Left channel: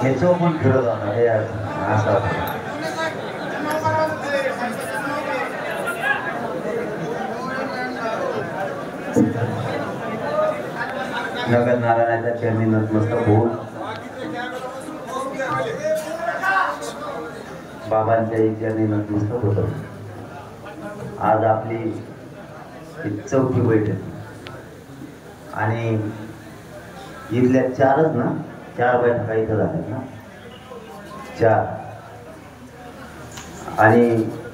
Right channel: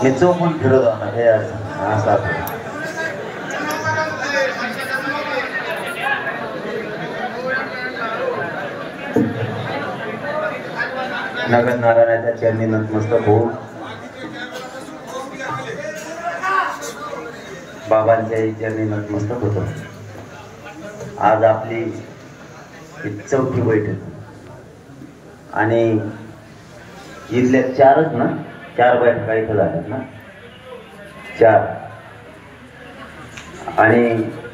हे चौकून फिरत होणार हे असं नगर नारायणाच्या चरणी नतमस्तक होऊन बाबांच्या चरणी नतमस्तक होतो. आज आपली चौथी बैठक आणि इथल्या चारच ना 4 बैठका इथं झाल्यात ना 4 आणि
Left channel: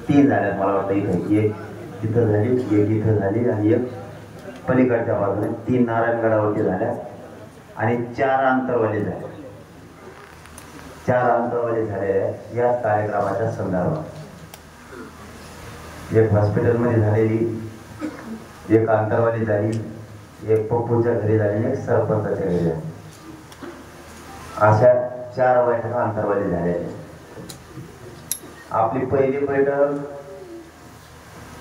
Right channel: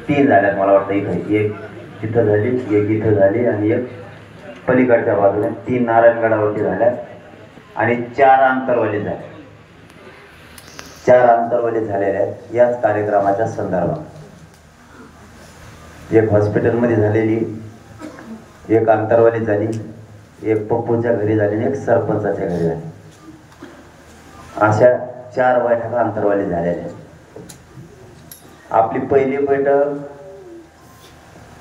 3 झाल्यात मला वाटतं. इथं एक तिथं झाली, एक इथं झाली आणि एक पलीकडच्या बाजूने 3 नारायणगडावरती झाल्या आणि 4 आंतरवाली झाल्या. 4 आंतरवाली झालेल्या याच कार्यक्रमाच्या संदर्भात एक हॉस्पिटलमध्ये झालेली, एक आंतरवाली झाली, एक पप्पूच्या घरी झाली आणि एक सरपंचाच्या घरी झाली. अशा 4 बैठका आंतरवाली झालेल्या. आपली पहिली बैठक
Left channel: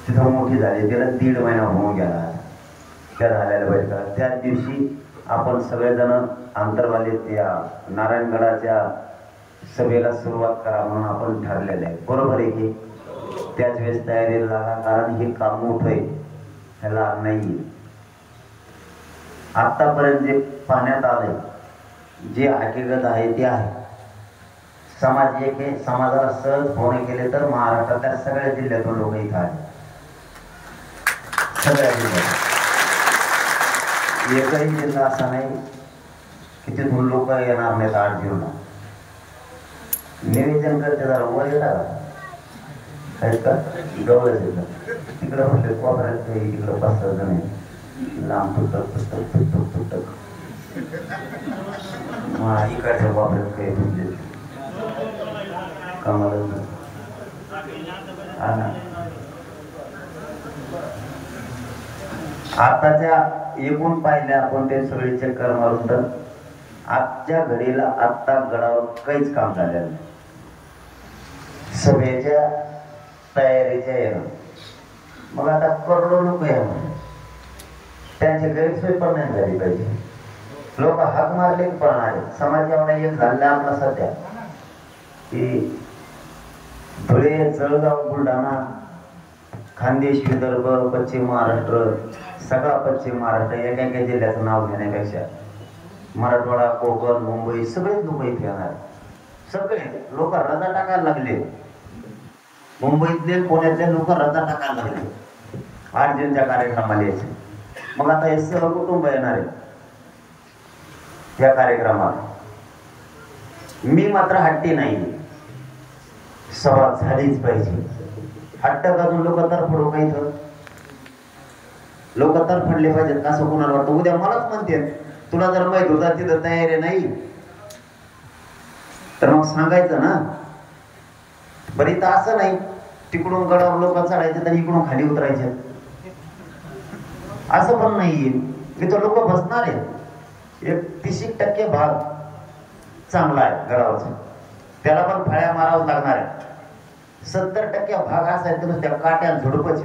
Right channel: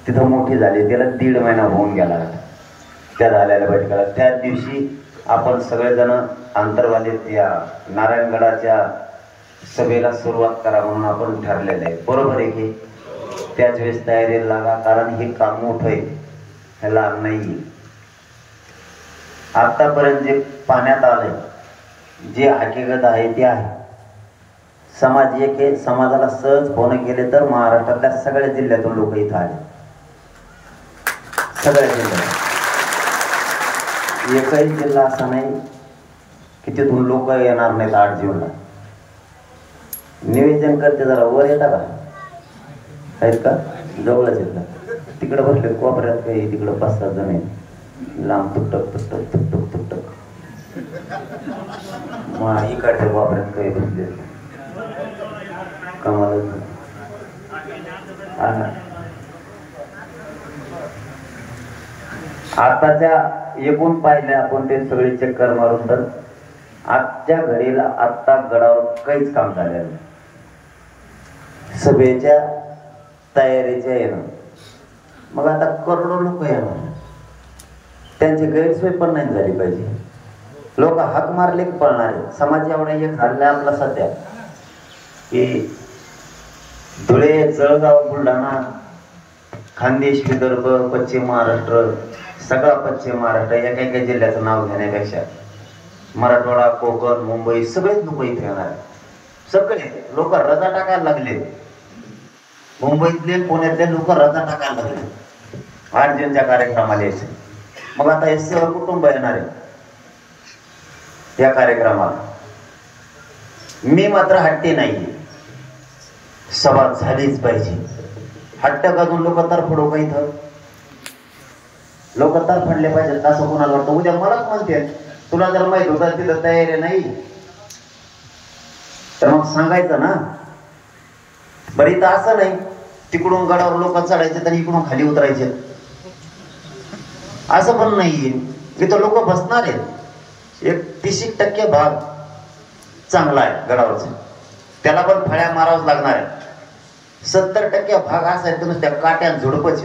तिथं मोठी झाली, त्याला 1.5 महिना होऊन गेला त्या झालेल्या बैठकाला. त्याच दिवशी आपण सगळेजण आंतरवाली या नारायणगडाच्या सभेला सुरुवात करा म्हणून आपण ठरलेलं आहे. बरोबर आहे की? त्याच वेळेस तयारीला लागा, कारण हे काम मोठं आहे, ह्याला नाही. आतापर्यंत जे पाण्यात आलंय, जे हकीकत आहे ते आहे. समाज एक आहे, समाजाला सहज फोन केले तर महाराष्ट्रातल्या सगळ्या जिल्ह्यातून लोक इथं आले. सगळ्या जिल्ह्यात एकही जिल्हा असा नाही की तिथून लोक येणार नाहीत. 8 जूनला निवेदन करते, जरा वर येतात का? आहेत का? जवळच येतात. तिकडं बसले कोपऱ्यात काही, तिकडं 5-7 जण आहेत. लांब तुटक तुटक तुटक तुटक मग इकडच्या कोपऱ्यात काही बसले कमाल. आताच्या एकूण पाहिल्या आपण ते सगळे चक्कर मारून तर आजच्या घडीला आत्ता गडावर काहीच काम झालेलं नाही. सभेच्या तयारीच्या येणं, मग आता करोडो लोक येणार, त्यांची गैरसोय पण नाही झाली पाहिजे. लोक हाक मारले पळणार. समाज एवढा एक झाला आपला सध्या की धुळे, जळगाव, बुलढाणा, खानदेश, विदर्भ, पश्चिम महाराष्ट्र, सगळा पश्चिम महाराष्ट्र एका एका जिल्ह्याचं नाव घेण्यापेक्षा मराठवाडा, कोकण, मुंबई सगळेच लोक इथे येणार. सगळे लोक रजा टाकायला लागले. मुंबईतले, पुण्यातले लोक रजा टाकायला लागले 8 जूनच्या कार्यक्रमाला यायचे. मग आता हे सर्व कुटुंब येणार आहे या कार्यक्रमाला. मी मात्र हट्टी नाही, सभा झालीच पाहिजे. हट्ट करून लोक तरफडू काही तर लोक तरफडले पाहिजेत असं कोणाला वाटतं? उद्या मलाच म्हणते तुला जर माहित होतं तिथं तयारी नाही तर मग सांगायचं ना. बरं इथं असं नाही, तिकडून गडावर लोक चढायचे तर इकडून खाली उतरायचे असं पण नाहीये. इथं लोक बसणार आहेत. 30% भाग चांगला आहे गडावरचा, त्याला पण फळ्या मारावं लागणार आहे. 70% भाग असा आहे तर त्या काट्यान झुडपच.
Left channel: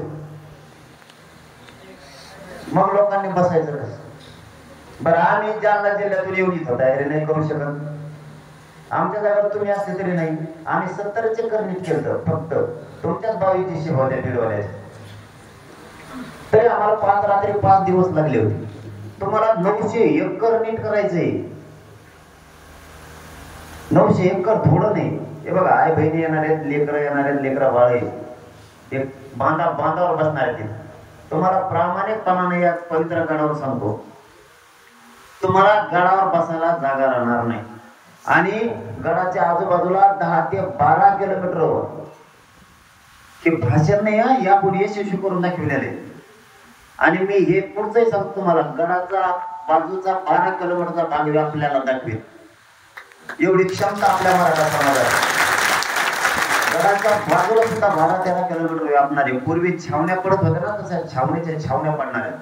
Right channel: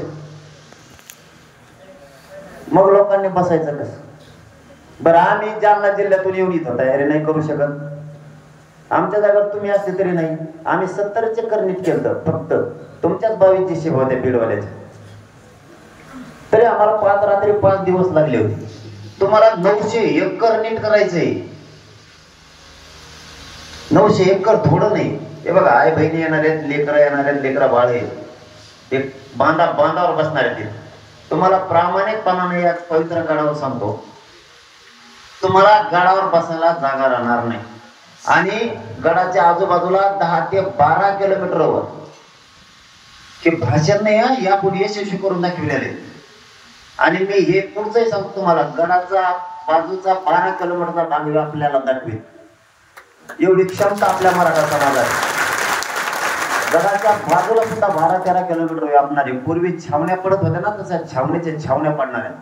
मग लोकांनी बसायचं कसं? बरं आम्ही जालना जिल्ह्यातून येऊन इथं तयारी नाही करू शकत. आमच्या जागात तुम्ही असले तरी नाही. आम्ही 70 चक्कर नीट केलं फक्त तुमच्याच 22ची शिव होत्या बीडवाल्याच्या, तरी आम्हाला 5 रात्री 5 दिवस लागले होते. तुम्हाला 900 एकर नीट करायचंय. 900 एकर थोडं नाही. हे बघा, आई बहिणी येणार आहेत, लेकरं येणार आहेत, लेकरा बाळ आहेत, ते बांधावर बसणार आहेत. तुम्हाला प्रामाणिकपणाने या पवित्र गडावर सांगतो, तुम्हाला गडावर बसायला जागा राहणार नाही. आणि गडाच्या आजूबाजूला 10 ते 12 किलोमीटरवर हे भाषण नाही यापुढे यशस्वी करून दाखविलेले. आणि मी हे पुढचंही सांगतो तुम्हाला, गडाचा बाजूचा 12 किलोमीटरचा टांगवी आपल्याला दाखवेल एवढी क्षमता आपल्या मराठा समाजात. गडाच्या बाजूला सुद्धा 12-13 किलोमीटर व्यापणारे. पूर्वी छावण्या पडत होत्या ना, तसं छावणीच्या छावण्या पडणार आहेत.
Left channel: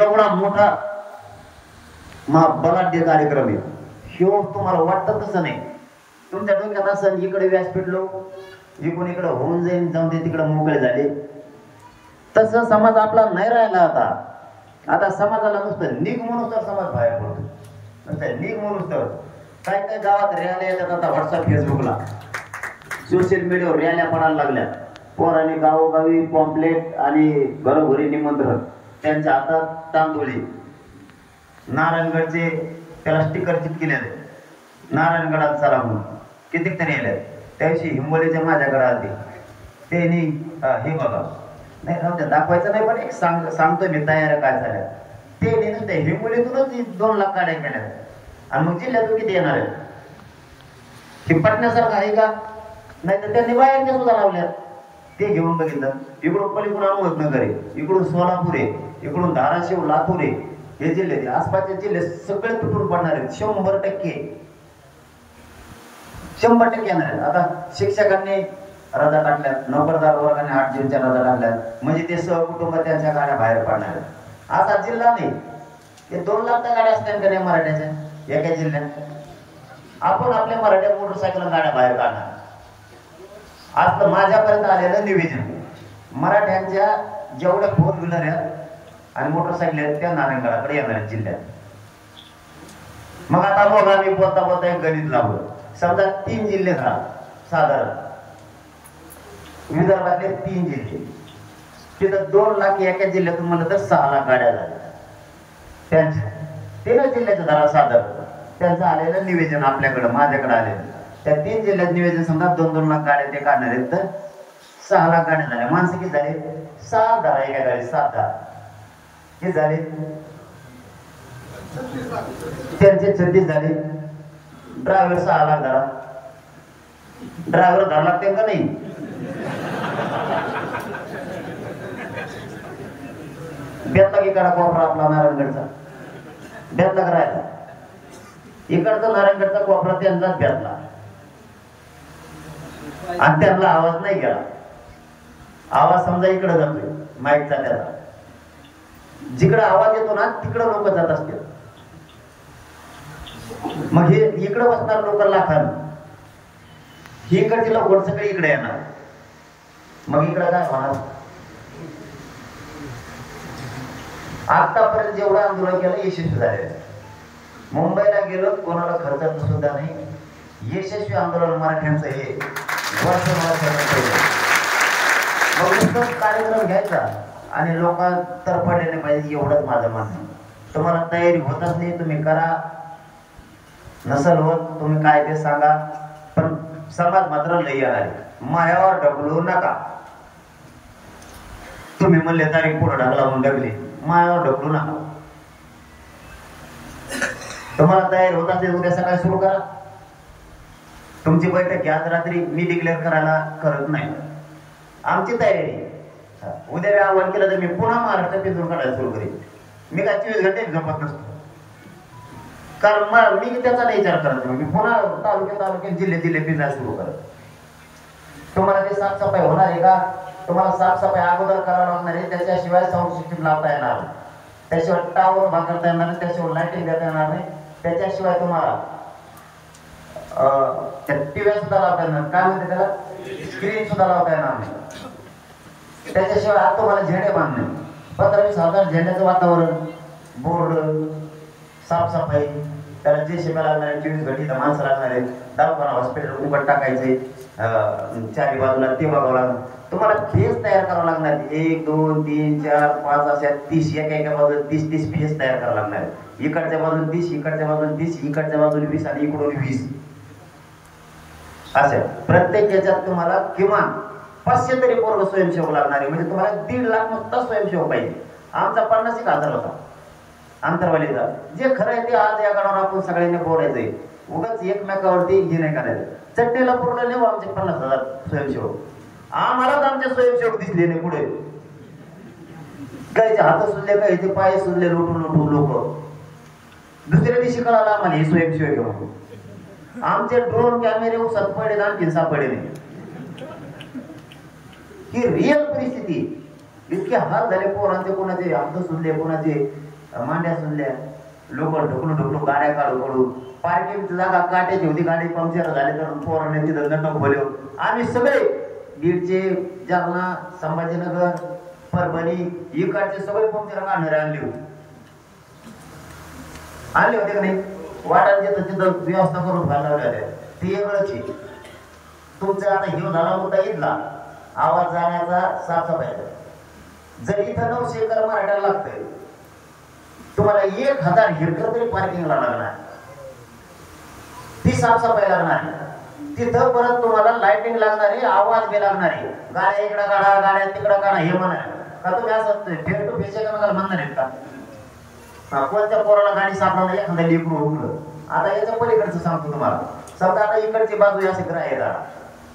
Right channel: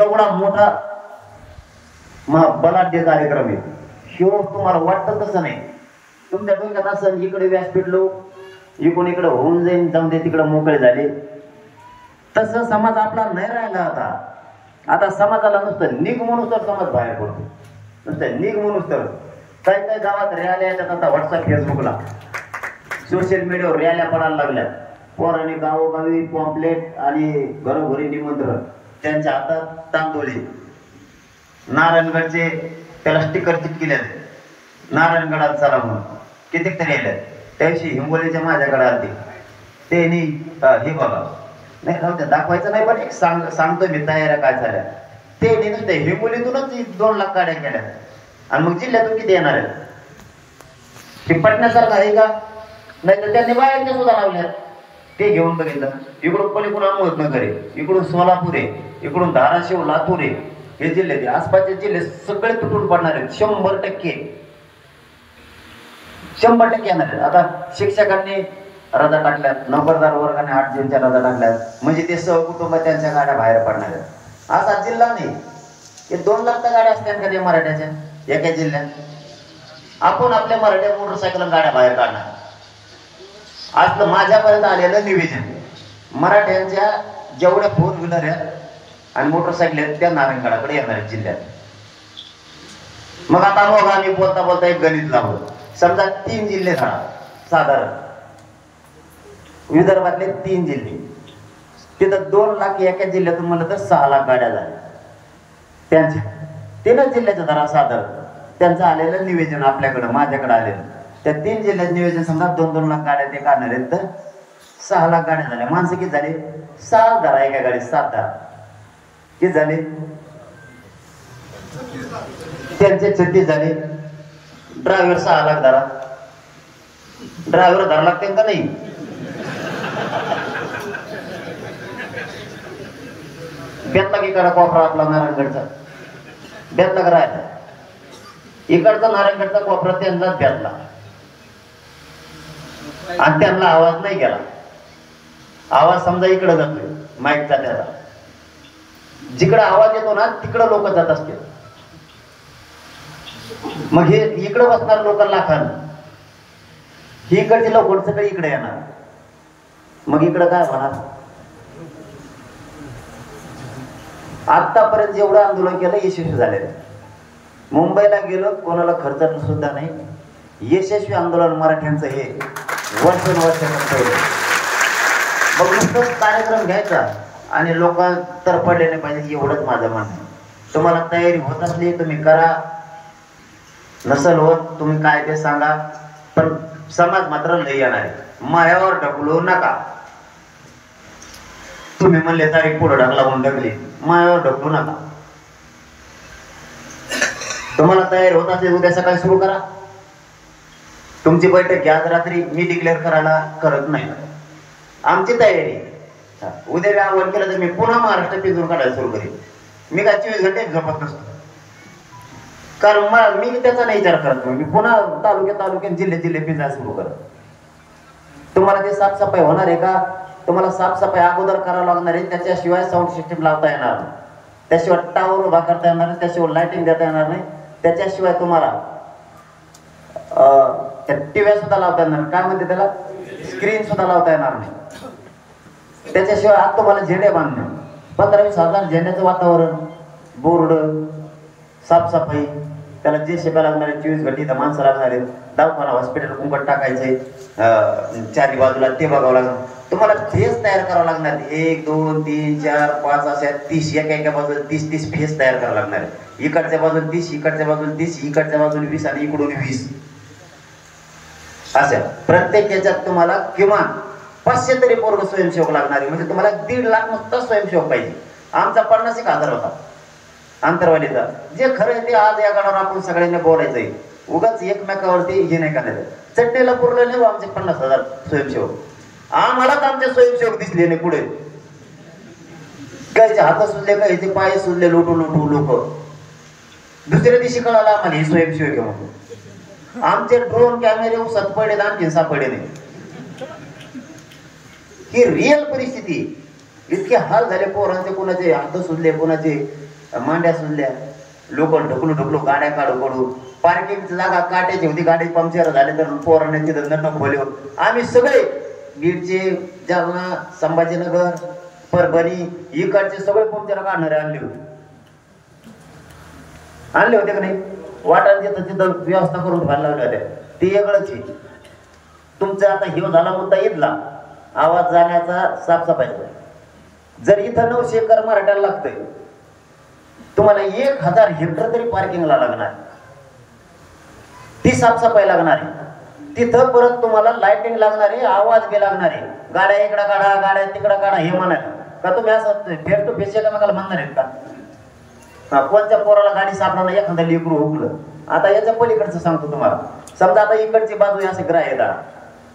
एवढा मोठा बलाढ्य कार्यक्रम आहे. शिव तुम्हाला वाटतं तसं नाही. तुमच्या डोक्यात असं इकडे व्यासपीठ लो, इकडे होऊन जाईन, जाऊन दे तिकडे मोकळे झाले. तसं समाज आपला नाही राहिला आता समाजाला नुसतं निघ म्हणून तर समाज बाहेर पडतो, नुसतं निघ म्हणून तर काही काही गावात रॅल्या येतात आता व्हॉट्सअप फेसबुकला सोशल मीडियावर रॅल्या पडायला लागल्या, पोरांनी गावोगावी पॉम्पलेट आणि घरोघरी निमंत्रण, त्यांच्या हातात तांदुळी, नारायणगडचे त्याला स्टिकर चिटकिले, नारायणगडात चला म्हणून कितीतरी येतात. त्याशी हिंगोलीच्या माझ्याकडे आले त्यांनी हे बघा नाही नव्हतं दाखवायचं नाही, पण एक सांगतो मी तयाऱ्या काय झाल्या ते नुसतं हिंगोलीतूनच 2 लाख गाड्या केल्या आणि मग जिल्ह्यातून किती येणार आहे हे पटण्यासारखं आहे का? नाही तर त्यांनी बाहेरच्या सुद्धा लावल्या, ते घेऊन बघितलं. इकडून पलीकडून अहमदनगर आहे, इकडून सोलापूर आहे, इकडून धाराशिव लातूर आहे, हे जिल्हे ते आसपासचे जिल्हे सगळे तुटून पडणार आहेत 100% येणार आहेत. आता शिक्षकांनी रजा टाकल्यात, नोकरदार वर्गाने 8 जूनच्या रजा टाकल्यात, म्हणजे ते सहकुटुंब त्यांच्या गाड्या बाहेर पडणार आहेत. असा जिल्हा नाही हे 2 लाख गाड्या असतात का त्या मराठ्याच्या एका जिल्ह्यात. आपण आपल्या मराठ्या मोटरसायकल गाड्या बाहेर काढणार. आज तर माझ्यापर्यंत आलेलं निवेदन मराठ्यांच्या जेवढ्या 4 व्हीलर आहेत आणि मोटरसायकल आहेत त्या नारायणगडाकडे येणार आहेत जिल्ह्यात. मग आता मग आम्ही बोलता बोलता एक गणित लावलं, समजा 3 जिल्हे झाला साधारण विदर्भातले 3 जिल्हे, तिथं 2 लाख एका जिल्ह्यातून म्हणलं तर 6 लाख गाड्या झाल्या त्यांच्या 3 जिल्ह्याचं धरा साधारण. त्यांचं आलेलं निवेदन आपल्याकडं माझ्याकडे आलेलं, त्या 3 जिल्ह्यात निवेदन समजा 2-2 लाख गाड्या ते काढणार आहेत तर 6 लाख गाड्या झाल्या. माणसं किती झाले? 7 धरा एका गाडीत 7 धरा किती झाले? त्यांचे 36 झाले. ड्रायव्हर 6 लाख धरा, ड्रायव्हर 10 लाख त्यांना नाही. बेतला की कडा कोपरा आपला नारायणगडचा बेतला करायचा, इकडचा नारायणगडचा कोपरा त्यांचाच बेतला आणि त्यांना आवाज नाही गेला. आवाज समजा इकडे जातोय माईकचा, त्याचा जिकडे आवाज येतो ना तिकडे लोक जात असते. मग हे इकडे बसणार लोक लाखांना, ही इकडची लोक सगळे इकडे येणार. मग इकडे काय होणार? आतापर्यंत जेवढं आंदोलन केलं यशस्वी झाले. मुंबईला गेलो कोणाला खर्च सुद्धा नाही, यशस्वी आंदोलन मराठ्यांचं हे वर्षानुवर्ष. मग कार्यक्रम घ्यायचा आणि लोक तर पडले नाही पाहिजे एवढंच माझं म्हणणं. तुम्हाला तयारी होत असली तुम्ही करा, नसल होत तुम्ही काय ते सांगा, पण समाज मात्र लई येणार आहे. मायावर ढकलू नका. तुम्ही म्हणले तरी पुढे ढकला म्हणून ढकले, मायावर ढकलू नका. तुम्हाला तयारी होत असेल उद्या सकाळी सुरू करा. तुमची बैठक घ्या रात्री, मी डिक्लेअर करायला करत नाही. आमची तयारी उद्या आव्हान केलं तर मी पुन्हा महाराष्ट्र पिंजून काढायला सुरू करेन. मी काय 24 घंटे झोपत नसतो, कारण मला मी त्याचा नाही विचार करतो. मी पुन्हा तालुक्यात जिल्हे पिंजायला सुरू करतो. तुम्हाला ते साफसफाई होणार आहे का? तुम्हाला साफसफाई अगोदर करावं लागणार आहे. त्याच्याशिवाय साऊंड सिस्टीम लावता येणार नाही, त्याशिवाय टावर उभा करता येणार नाही, त्याशिवाय लाइटिंग देता येणार नाही, त्याच्याशिवाय तुम्हाला टीव्ही सुद्धा लावता येणार, काय म्हणते त्याला, स्क्रीन सुद्धा लावता येणार नाही. त्याच्याशिवाय आता तुम्हाला झेंडे बांधणे, 15-20 हजार झेंड्याचं वातावरण, बोर्ड, साफसफाई, त्याला जे शेपा लागणार 24 घंटे माणसं लागणार आहेत, दवाखाना हॉस्पिटल उघड टाकायचे, 4 बाजूला ते बघावं लागणार. तुम्हाला फेस तयार करावं लागणार, 1 2 3 4 5 अशा 30 एका बाजूला 30 फेस तयार करावं लागणार आहे. इकडच्या बाजूला 30, इकडच्या बाजूला 30, इकडच्या बाजूला 20 आणि इकडून 20 असं. प्रत्येक याच्यात तुम्हाला किमान 500 तरी पोरग स्वयंसेवक लागणार आहे. म्हणजे तुम्हाला 1.5 लाख नुसता स्वयंसेवक पाहिजे. आमचा 50,000 होता आंतरवालीचा. जे खरं आहे ते आज या गणावर आपण सगळ्यांना बोलायचंय, उगाच एकमेकावरती हे नाही करायचं. चटणीला पुरलं नाही आमचे 50,000 स्वयंसेवक. आम्हालाच आमचे स्वयंसेवक दिसले नाही पुढे. गायचे हात सुजले, गायचे पाय सुजले, लोटू लोक. दुसऱ्या दिवशी कळाला आम्हाला हे स्वयंसेवक घेऊन. आमचे ड्रोन कॅमेरे उसत पडले, आणखी सापडले नाही. ही रिअल परिस्थिती. इतके हाल झाले पोरांचे, कोणाचे हात सुजले, कोणाचे मांड्या सुजल्या, लोक ढकलू गाड्या काढू. पार्किंगची जागा काट्याची होती, गाडी पंक्चर झाले तर पोरांनी तिथं नट खोले. आम्ही सगळे बीडचे, जालना, संभाजीनगर, परभणी इकडचे सगळे पंक्चर काढणारे आणले होते का नाही? वाटायला तिथं व्यवस्था करून घालणार होत्या ते वेगळंच आहे. तुमचा आता हे झाला मुद्दा इथला आवाज जाण्याचा साफसफाईचा. जर इथं 900 एकर मराठ्याला लागतंय, तुम्हाला 1000 हेक्टर तरी पार्किंगला लागणार, ती साफसफाई लागणार आहे. तिथं परत तुम्हाला लाइटिंग लागणार आहे, आवाज बी लागणार आहे. गाड्या इकडं काढा, गाड्या तिकडं काढा हे म्हणा का तुम्ही असं फेस टू फेस मला म्हणणार आहेत का? कोणत्या पोराला गाडी सापडवणं एखाद्या लेकरू हुकलं. आता याच्या पलीकडचं सांगतो तुम्हाला. समजा आता इकडची बाजू असं ग्राह्य करा,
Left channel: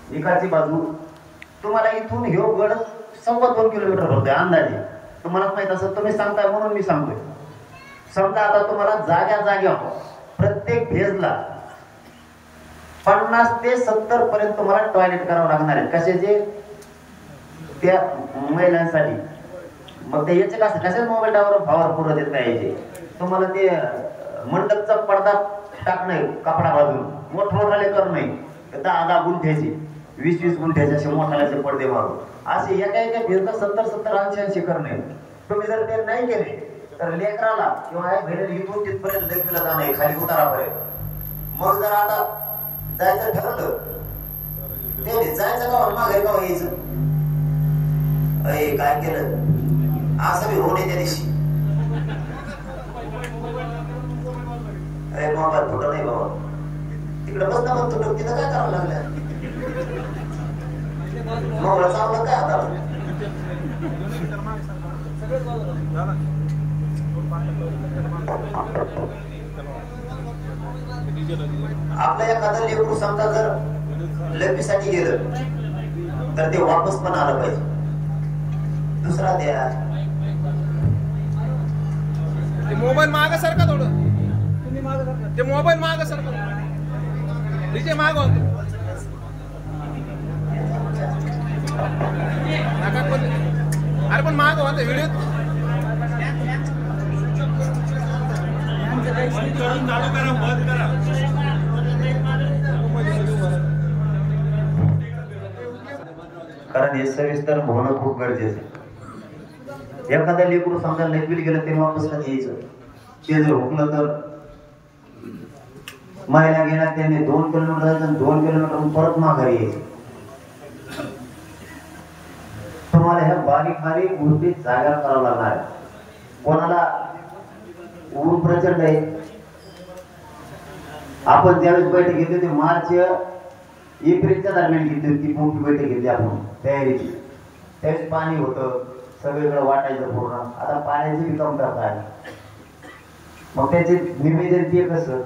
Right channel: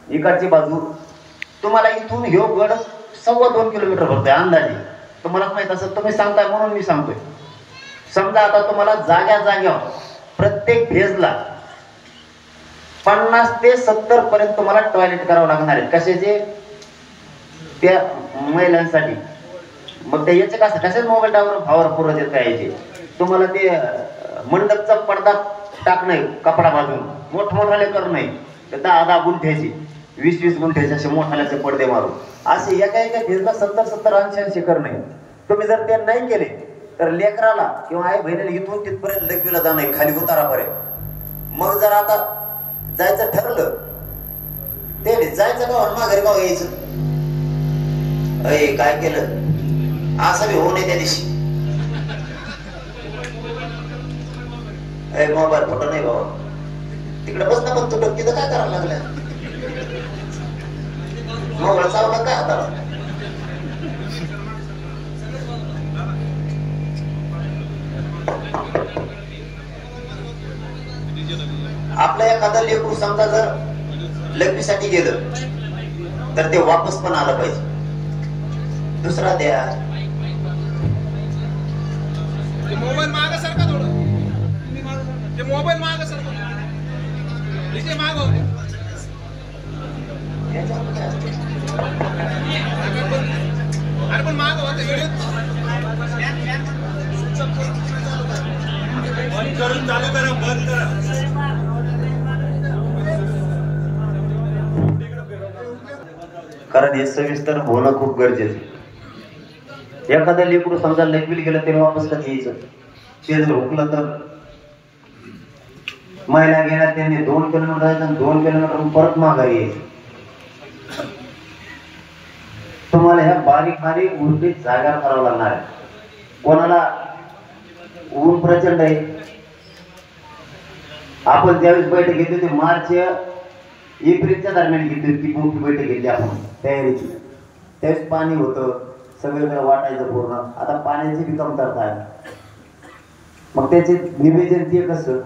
इकडची बाजू तुम्हाला इथून ह्यो गड 2.25 किलोमीटर भरतोय अंदाजे. तुम्हाला माहित असं तुम्ही सांगताय म्हणून मी सांगतोय. समजा आता तुम्हाला जाग्यावर प्रत्येक फेजला 50 ते 70 पर्यंत तुम्हाला टॉयलेट करावं लागणार आहे. कशाचे? त्या महिलांसाठी. मग ते याचे कसं मोबाईल टावर फावर पुरत येत काय याचे तुम्हाला ते मंडपचा पडदा टाकणे कपडा बाजून मोठमोठाले कर नाही, 10-10 गुंठ्याचे 20-20 गुंठ्याचे असे मोठाल्याचे पडदे मारून असे एका फेजला 70-80 करणे. तुम्ही जर ते नाही केले तर लेकराला किंवा आई बहिणीला इथून तिथपर्यंत लग्वीला जाणं खाली उतारापर्यंत. मग जर आता जायचं ठरलं ते जायचं गावात माघारी गाव यायचं. काय केलं असं बी होऊ नये त्या दिवशी. मोबाईल फोटो नाही बाबा तिकडे बसता पण तुटक तिथं काय करावं लागलं मोबाईल चावलं काय आता. आपल्या एखादा लेकरू समजा जर लग्नीसाठी गेलं तर ते वापस पण आलं पाहिजे. दुसरा द्या मोबाईल माग सरका थोडं, ते मोबाईल माग सरका इथे माग होते. अरे पण माग होते व्हिडिओ चालू करा बंद करा. कारण हे सविस्तर होणं खूप गरजेचं. एखादा लेकरू समजा लग्वीला गेलं ते वापस कधी यायचं? ते जर हुकलं तर महिला गेल्या त्याने 2 किलोमीटर जायचं, 2 किलोमीटर परत माघारी यायचं. तुम्हाला ह्या बारीक बारीक गोष्टी जागा करावं लागणार आहे. कोणाला ऊन प्रचंड आहे. आपण ज्यावेळेस बैठक घेतली होती मार्च एप्रिलच्या दरम्यान घेतली होती, मोठी बैठक घेतली आपण तयारीची. त्यावेळेस पाणी होतं सगळीकडे वाटायचं पूर्ण. आता पाण्याची बी कमतरता आहे. मग त्याचे निवेदन ते कसं?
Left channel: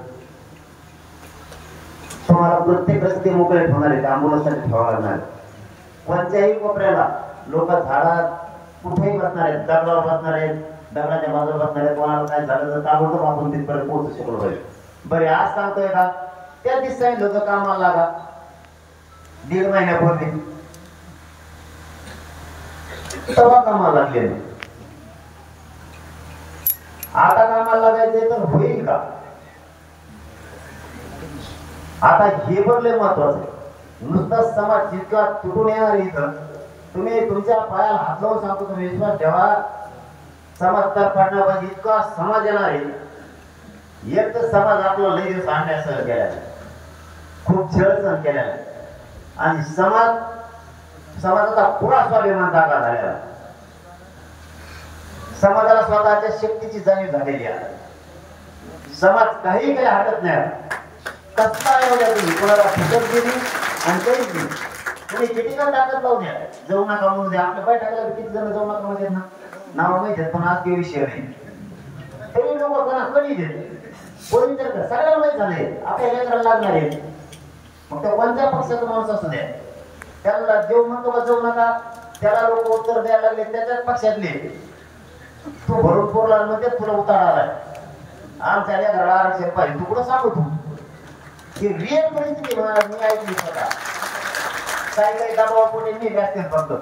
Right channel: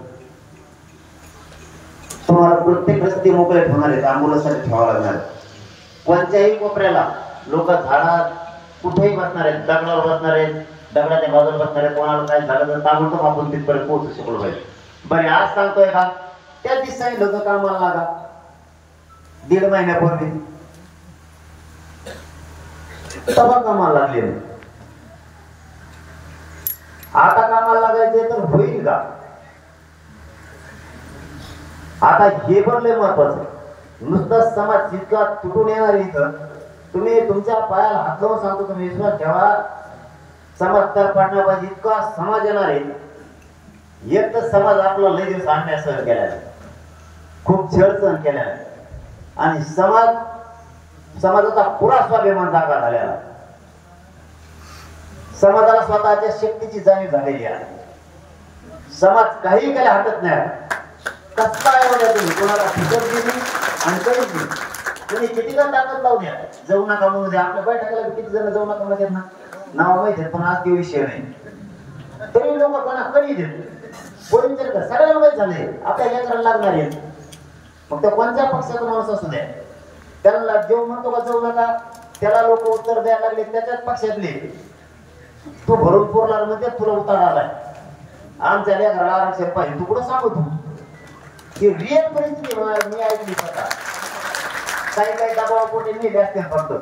तुम्हाला प्रत्येक रस्ते मोकळे होणार आहेत, आंबोलासाठी ठेवावं लागणार. कोणत्याही कोपऱ्याला लोक झाडात कुठेही बसणार आहेत, दगडावर बसणार आहेत, दगडाच्या बाजूला बसणार आहेत. कोणाला काय झालं तर ताबडतोब आपण तिथपर्यंत पोहोचू शकलो पाहिजे. बरे आज सांगतोय का त्या दिवशी लोक कामाला लागा 1.5 महिन्यापूर्वी तेव्हा कामाला लागले. आता कामाला लागायचे तर होईल का? आता हे पण लय महत्वाचं आहे. नुसतं समाज जितका तुटून येणार इथं तुम्ही तुमच्या पायाला हात लावून सांगतो, तुम्ही विश्वास ठेवा समाज तर पाडणं पाहिजे. इतका समाज येणार आहे. एक तर समाज आपला लय दिवस अन्याय सहन केला, खूप छळ सहन केला आणि समाजाचा पुरा स्वाभिमान जागा झालेला. समाजाला स्वतःच्या शक्तीची जाणीव झालेली आहे. समाज काही केल्या हरकत नाही. कसं आहे म्हणजे तुम्ही कोणाला फुकट दिली आणि काहीच नाही. तुम्ही कितीला ताकद लावून द्या, जाऊ नका म्हणून द्या. आपल्या बैठकाला किती जण जाऊ नका म्हणतात ना, नाव माहिती पण आज ते विषय नाही. तरी लोक कोणा कमी देत कोणी तर सगळ्या माहित झालंय आपल्या लेकराला लागणार आहे. मग त्या कोणत्या पक्षाचा माणूस असू द्या, त्याला जेव म्हणतो का जाऊ नका, त्याला लोक उत्तर द्यायला लागले त्याच्याच पक्षातले. तू भरून पोरला म्हणजे तुला उतार आलाय. आमच्या लेकराला आरक्षण पाहिजे तू कुठं सांगू? तू की रिअल परिस्थिती मी ऐकली स्वतः. काही दबाव कोणी नाही जास्त फक्त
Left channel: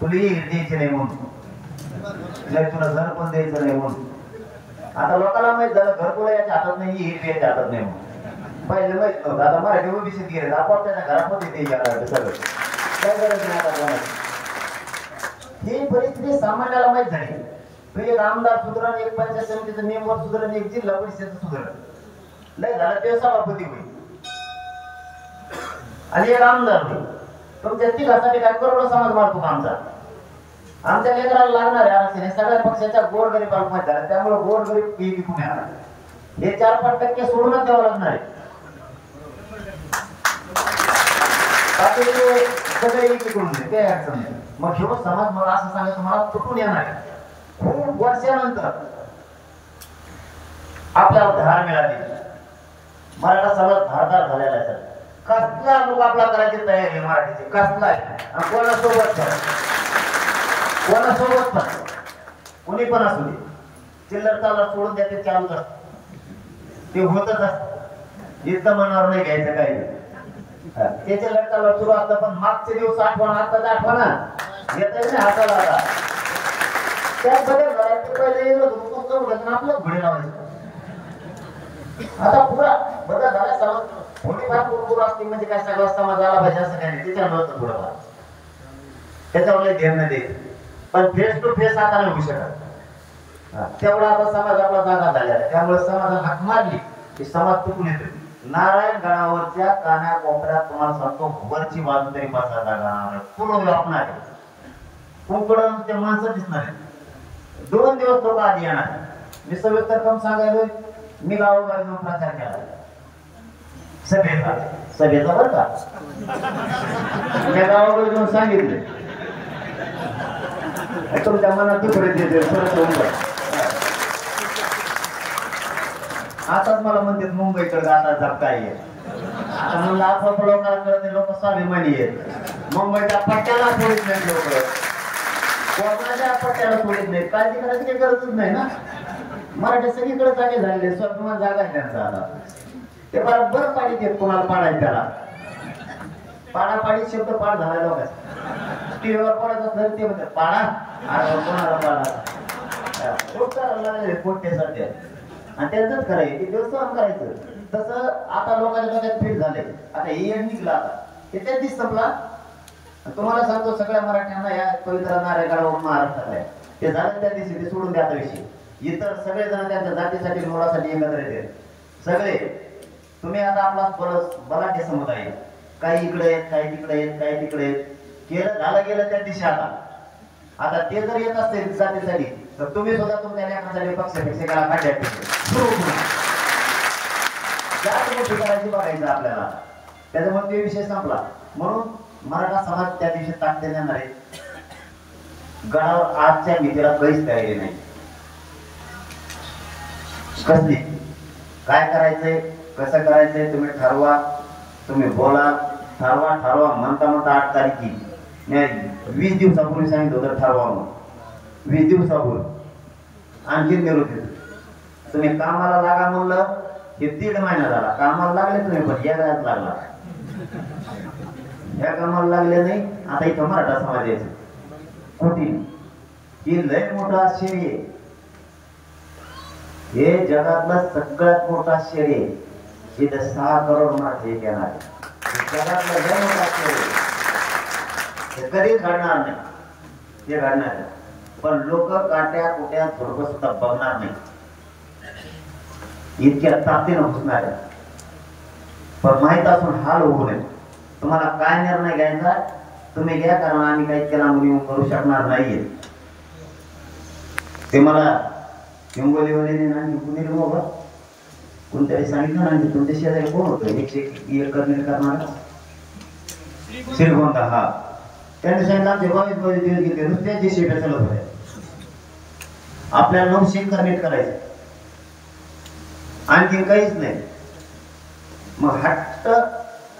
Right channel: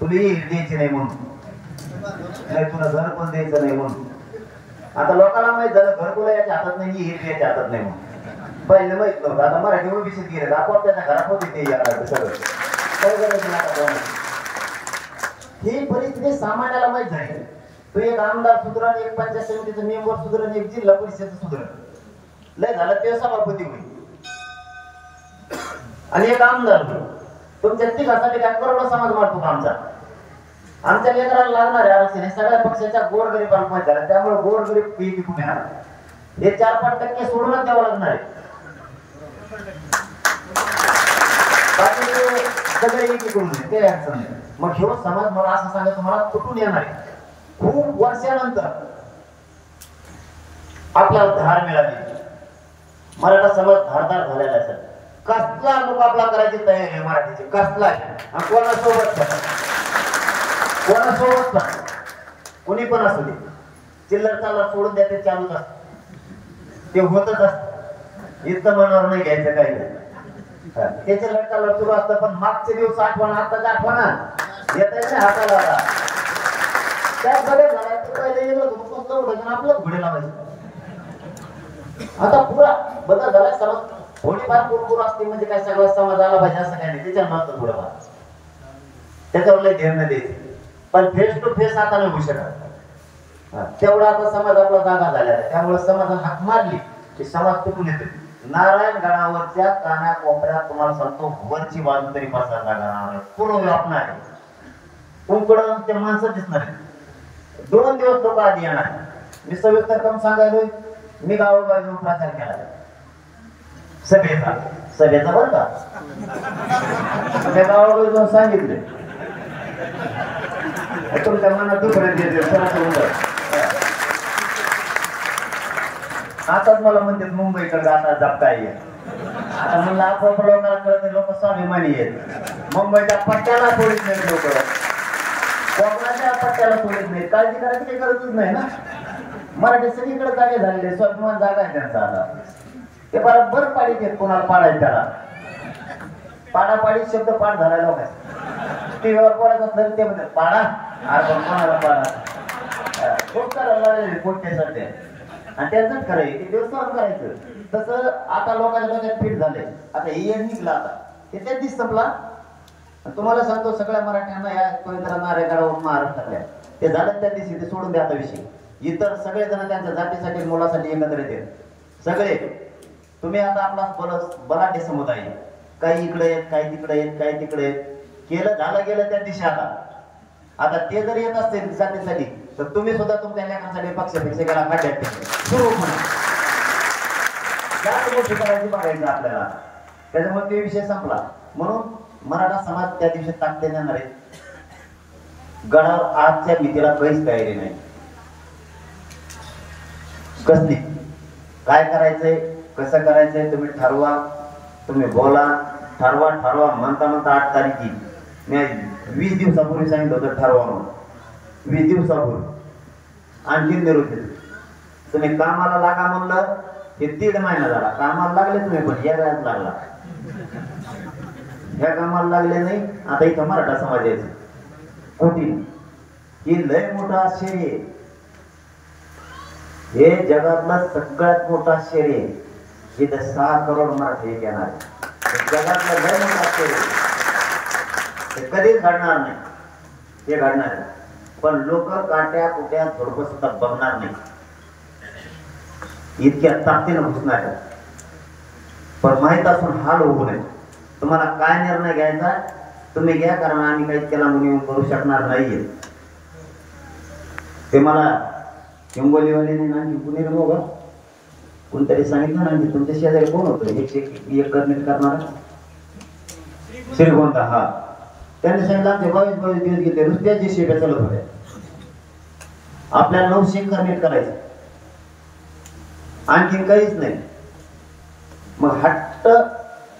तुला द्यायचं नाही म्हणून, तुला घर पण द्यायचं नाही म्हणून. आता लोकांना माहित झालं घरकुला याच्या हातात नाही, हिर याच्या हातात नाही म्हणून. पहिले माहित नव्हतं. आता मराठी ओबीसीत गेले आपण त्याच्या घरात होते ते सगळं काही गरज नाही. आता ही परिस्थिती सामान्याला माहीत झाली. तो एक आमदार सुधरण, एक पंचायत समितीचा मेंबर सुधरण, एक जिल्हा परिषद सुधरण, लय झाला ते सभापती होईल आणि एक आमदार होईल. तुमच्या तिघासाठी काय करोडो समाज मारतो आमच्या लेकराला लागणाऱ्या अडचणी सगळ्या पक्षाच्या गोरगरीबांना माहिती आहे. त्यामुळे गोरगरीब पीक तुम्ही हे 4-5% सोडूनच द्यावं लागणार आहे. सगळे एकीकडून काही अडचण नाही. मग हे समाज मला असं सांगायचं मला कुठून येणार आहे. खूप वर्षानंतर आपल्याला धार मिळाली. मराठा समाज धारदार झालेला आहे. कसला मुकाबला करायची तयारी आहे मराठीची, कसला कोणासोबत कोणी पण असू दे. चिल्लर चालला सोडून द्या ते चालूच असत, ते होतच असत. इतकं मनावर नाही घ्यायचं काही नाही. त्याचे लढताला सुरू असतं. पण मागचे दिवस आठवण, आताच्या आठवण येत आहे ना हाताला. त्या सगळ्या आपलं घोडे लावायचं. आता पुरा बदल झाला. समाज थोडीफार कुरकुर असते म्हणजे काय सगळा समाज आला पाहिजे असं काय नाही. त्याच्यावर नव्हतं पुढं, त्याच्यावर ध्यान द्यायचं. पण फेस टू फेस आता नाही होऊ शकत. तेवढा आता समाज आपला जागा झाला. त्यामुळे समाजाला हाक मारली की समाज कुठून येतो. नारायणगडावरच्या काना कोपऱ्यात तुम्हाला सांगतो वरची बाजू तरी 5 जागा पूर्ण व्यापणार आहे. कोकण त्या माणसं दिसणार आहे. 2 दिवस लोक आधी येणार. मी सविस्तर कम सांगायलो. मी गावोगावी प्रचार केला सभेचा बरं का. त्या गावावर जाऊन सांगितले तुमच्या मनात आताच मला म्हणते मुंबईकडे जाता जपता येईल. आता म्हणलं आपण लोकांकडे लोक स्वाभिमानी आहेत. मुंबईच्या पट्ट्याला सोडित नाही लोक, कोकणाच्या पट्ट्याला सोडित नाही. काळजी करायची काही गरजच नाही ना. मराठी सगळीकडे जागे झालेले स्वाभिमान जागा आहे त्यांचा. आता ते बरोबर पाडीत येत कोणाला पाडायचं त्याला. पाडापाडी शब्द पाठ झाला लोकांचा. टीव्हीवर पडायचं तर ते म्हणतात पाडा कोणाला पाडा पोट करावं लागेल पोट्यासाठी. आणि त्यांचंच करायचं ते देवस्थान करायचं. तसं आता लोकांच्या डोक्यात फिट झालंय. आता हे निघला आता हे त्या दिवस संपला. तुम्हाला सांगतो सगळ्या मराठ्यांना या पवित्र नारायणगडावर महाराष्ट्रात आहे. ते झालं त्या दिवशी ते सोडून द्या आता विषय. इतर सगळे जण त्यांच्या जातीसाठी मुलासाठी एकत्र येतात सगळे. तुम्ही आता आपला बराटे समुदाय काही इकडे आहेत, काही तिकडे आहेत, काही तिकडे आहेत. केलं झालं गेलं त्या दिशा आता ते जर येत असतील जातीसाठी तर तुम्ही सुद्धा तुमच्या लेखांसाठी पक्षापेक्षा काढ्यात सुरू करायची बघायचं आपल्याला. त्याच्यामुळे ते विषय संपला. म्हणून मराठा समाज त्या दिवशी ताकद देणार आहे. गडावर आजच्या भीतीला काहीच तयारी नाही. कसली काय करायचंय कसं करायचंय तुम्ही ठरवा. तुम्ही बोला ठरवा म्हणता 8 तारखेची मी 20 दिवसापूर्वी सांगितलं होतं ठरवा म्हणून. 20 दिवसापूर्वी आणखी निरोप देतो. तुम्ही कामाला लागा म्हणलं हे 1.5 महिना झाला. कामाला लागलेच नाही पण या घरात लागला. या कामाला लागले नाही. आता इथं मराठा समाज यायचं कोटी ही लय मोठा आश्चर्य आहे. हे जगातला सगळ्यात मोठा आश्चर्य आहे. इथं 6 करोड मराठी येणार. जगातलं लय मोठा आश्चर्य हे कधीच घडणार नाही. हे घडणार पण लोक काट्या कुट्या झोडप सुद्धा बघणार नाही. इतक्या ताकदीनं घुसणार. पण माहित असून हाल होऊ नये. तुम्हाला काय निर्णय घ्यायचा तुम्ही घ्या. कारण आम्ही काही त्याला मुली करू शकणार नाहीये. ते मला हिंगोलीमध्ये कोणतरी सांगितलं ना तुमच्या शेजारी कोण होतं 101 करणार श्रीगोंदा. हा त्यांनी सांगितलं आमचे 22 दिवस घेतले नुसत्या जे शेप्या चालत होत्या. आपल्याला 9 शेक नीट करायचं आणखीन काहीच नाही. मग हट्ट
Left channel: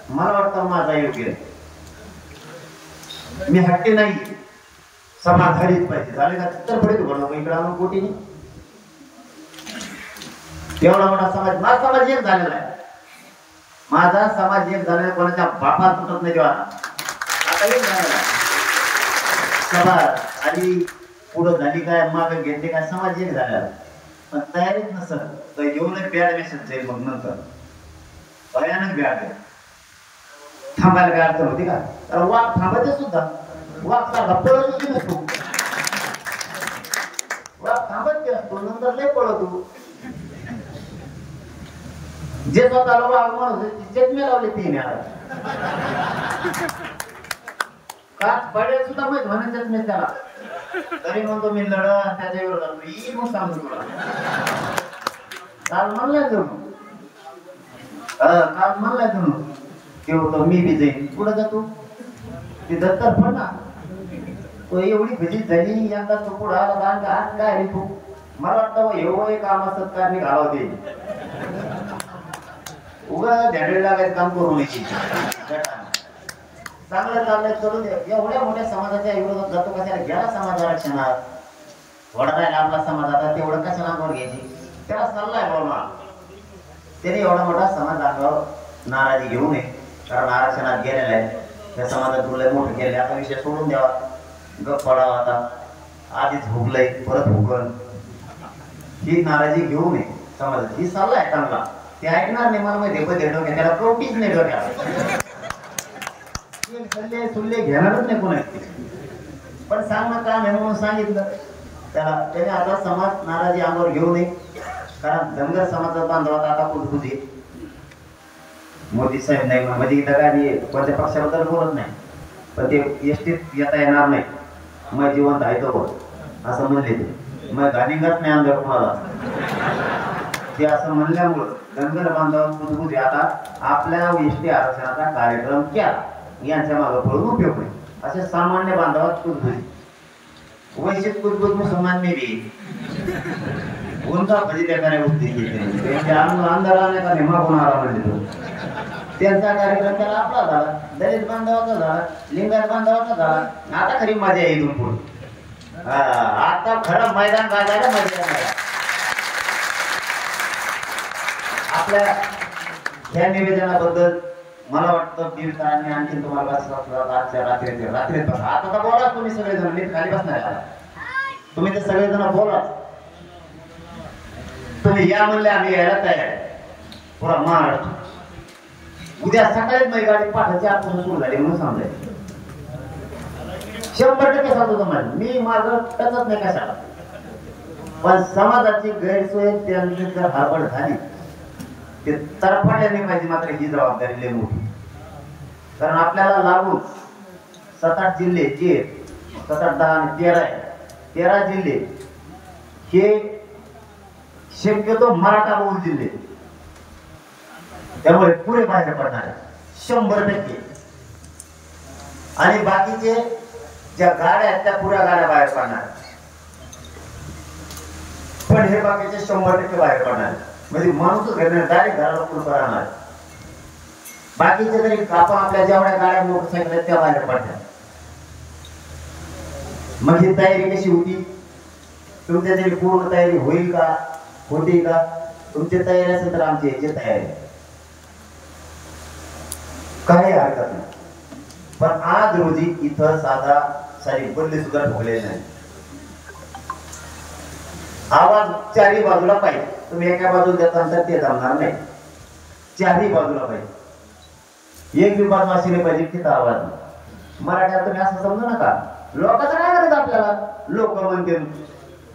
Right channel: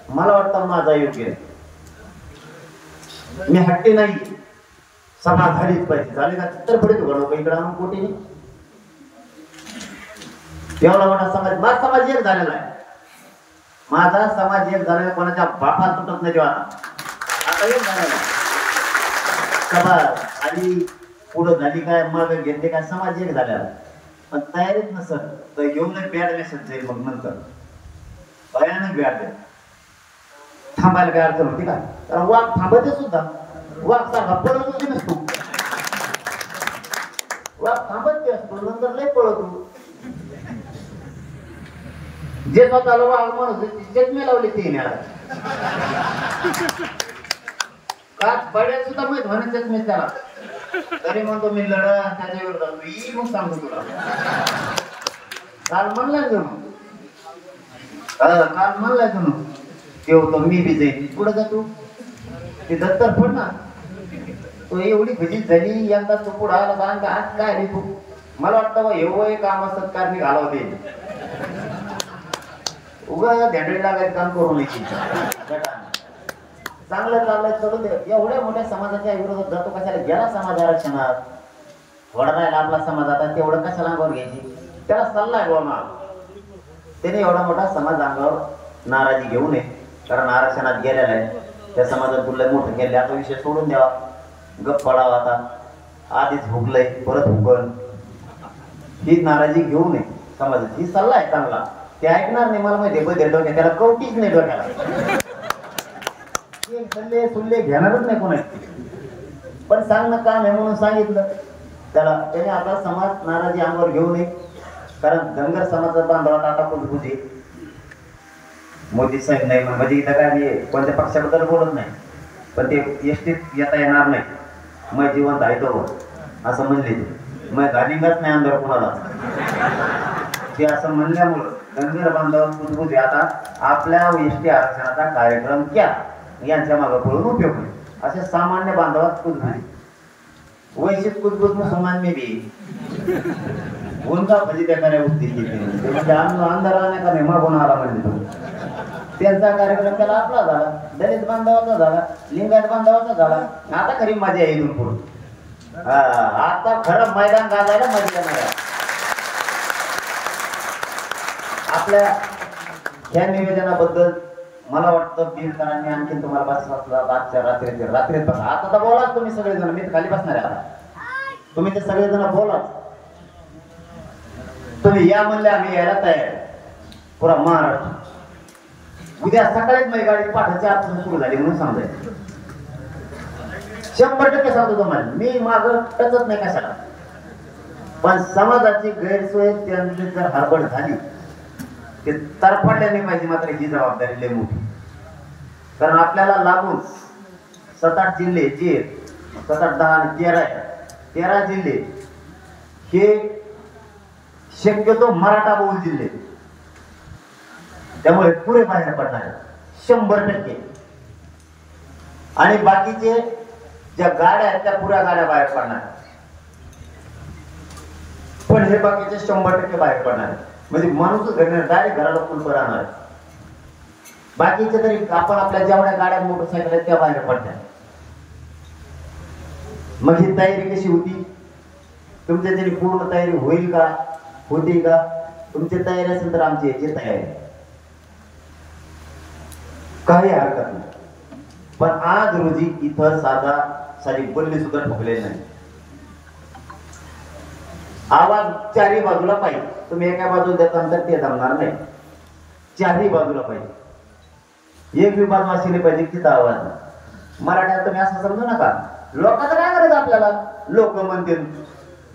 मला वाटतं माझा योग्य. मी हट्टी नाही. समाज झालीच पाहिजे. झाले का तर पुढे तू इकडे आणून कोटी एवढा मोठा समाज. माझा समाज एक झालेला आहे. माझा समाज एक झालेला कोणाच्या बापात तुटत नाही. तेव्हा आता एक झालेला सभा आधी पुढं झाली काय मागे घेतले काय समाज एक झालेला. पण तयारीच नसत तर येऊन बॅड मेसेज जाईल. मग नंतर भयानक बॅड थांबायला काय अडचण होती का. कारण वाघ थांबते सुद्धा. वाघ सारखा पळत नसतो. वा थांबत ते असतो नंतर लय पळतो जे स्वतःला वागवून होते जन्मे लावले ते काच पडेल सुद्धा माहित म्हणत मी त्याला तरी म्हणतो मी लढा त्याच्या विरोधात मी मग सांगतो तुला काल म्हणला काल म्हणला ते होतो मी बी जाईल पुढे जातो ते दत्तर पण ना तो एवढी भीती झाली यंदा तो पुढे आला आज काय रे तू मला वाटतं एवढं काम सत्कारने घालवते उगा झेंडे लागायचं काम करू नये चांगलं चाललंय सोडून दे एवढ्या मोठ्या समाजाच्या विरोधात जातो कशाला गेला समाज आरक्षणात थोडा राहिला आपला समाज आता तेवढं कशाला अंगावर घ्यायची त्याला सल्ला आहे बोलणार त्याने एवढा मोठा समाज अंगावर नाराजी घेऊ नये कारण आरक्षणात गेलेला आहे त्या समाजात तुला मोठं केले आता विषय सोडून द्यावा गप पडावा आता आधीच भुगलंय परत भुगल ही नाराजी घेऊ नये समाजात ही सल्ला आहे चांगला ते ऐकणार नाही मला माहिती डोक्यात त्याला कवटीच नाही डोक्यात सुल्ले घेणारच नाही कोणाची पण सांग ना काम आहे म्हणून सांगितलं त्याला त्याने आता समाज नाराजी अंगावर घेऊ नये कारण धनगर समाजाचा बांधवात आता कुठे मोदी साहेब नाही म्हणजे इथं काय मी कोणत्या पक्षाबद्दल बोलत नाही पण ते एसटीत येता येणार नाही मग जिवंत आहे तो असं म्हणले ते मग घाणीगत नाही अंदर कोणाला ते असं म्हणल्यामुळं धनगर बांधवांमध्ये आता आपल्या एसटी आरक्षणाचा कार्यक्रम क्या यांच्या मागे पडून उपयोग नाही असे सामान्य बांधवात कुठे वैश्विक कुठबुत मुसलमानने भी उनका भजी देणाऱ्या उद्योग त्यांच्या अंधाराने का नेमा होणारा म्हणजे तो त्यांचा कार्यक्रम त्याला आपला झाला दलित बांधवाचा झाला लिंगायत बांधवाचा झाला आता खरी मजा येईल इथून आता खरं मैदान गाजायला मजा येणार आपल्या या निवेदनाबद्दल मला वाटतं बीडकरांनी आणखी तुम्हाला आजच्या रात्रीत बघा आता तर बोला तुम्ही सगळेजण मी खाली बसणार आहे तुम्ही ते सगळेजण बोला तुम्ही या म्हणले आम्ही यायला तयार आहे पुरा महाराष्ट्र उद्या सकाळीच माझी गाडी पाठाची आजपासून सुरू झाली म्हणून सांगायचं 100% सांगतो तुम्हाला मी माझं टचत नाही कशाला पण समाजाची गैरसोय त्यांची जर हरबड झाली ते तरफडले नाही पाहिजे मात्र ही जबाबदारी लय मोठी कारण आपल्याला लागून 7-8 जिल्हे जे 7-8 10 आणि 13 जिल्हे हे शक्यतो मराठा बहुल जिल्हे त्यामुळे पुरे बाहेर पडणार 100% आणि बाकीचे ज्या गाड्या आहेत त्या पुऱ्या गाड्या बाहेर पडणार पण हे बाकीचे 100% बाहेर पडणार म्हणजे माणूस डायरेक्ट घराला पूर्ण राहणार बाकीचे तरी आपण आपल्या जेवढ्या गाड्या मोटरसायकल आहेत त्या बाहेर पडतात मग ही तयारी कशी होती तुमच्या तरी पूर्ण तयारी होईल का होती का तुमची तयारी असेल तर आमची याची तयारी काही हरकत नाही पण आज रोजी इथं साधा सारी बल्ली सुद्धा ठोकलेली नाही आवाज चारही बाजूला पाहिजे तुम्ही एका बाजूला देता तर ते जमणार नाही चारही बाजूला पाहिजे एक विभाग असले पाहिजे तिथं आवाज मराठ्यात तुम्ही असं समजू नका लोकांचं काय करायचं आपल्याला लोक म्हणते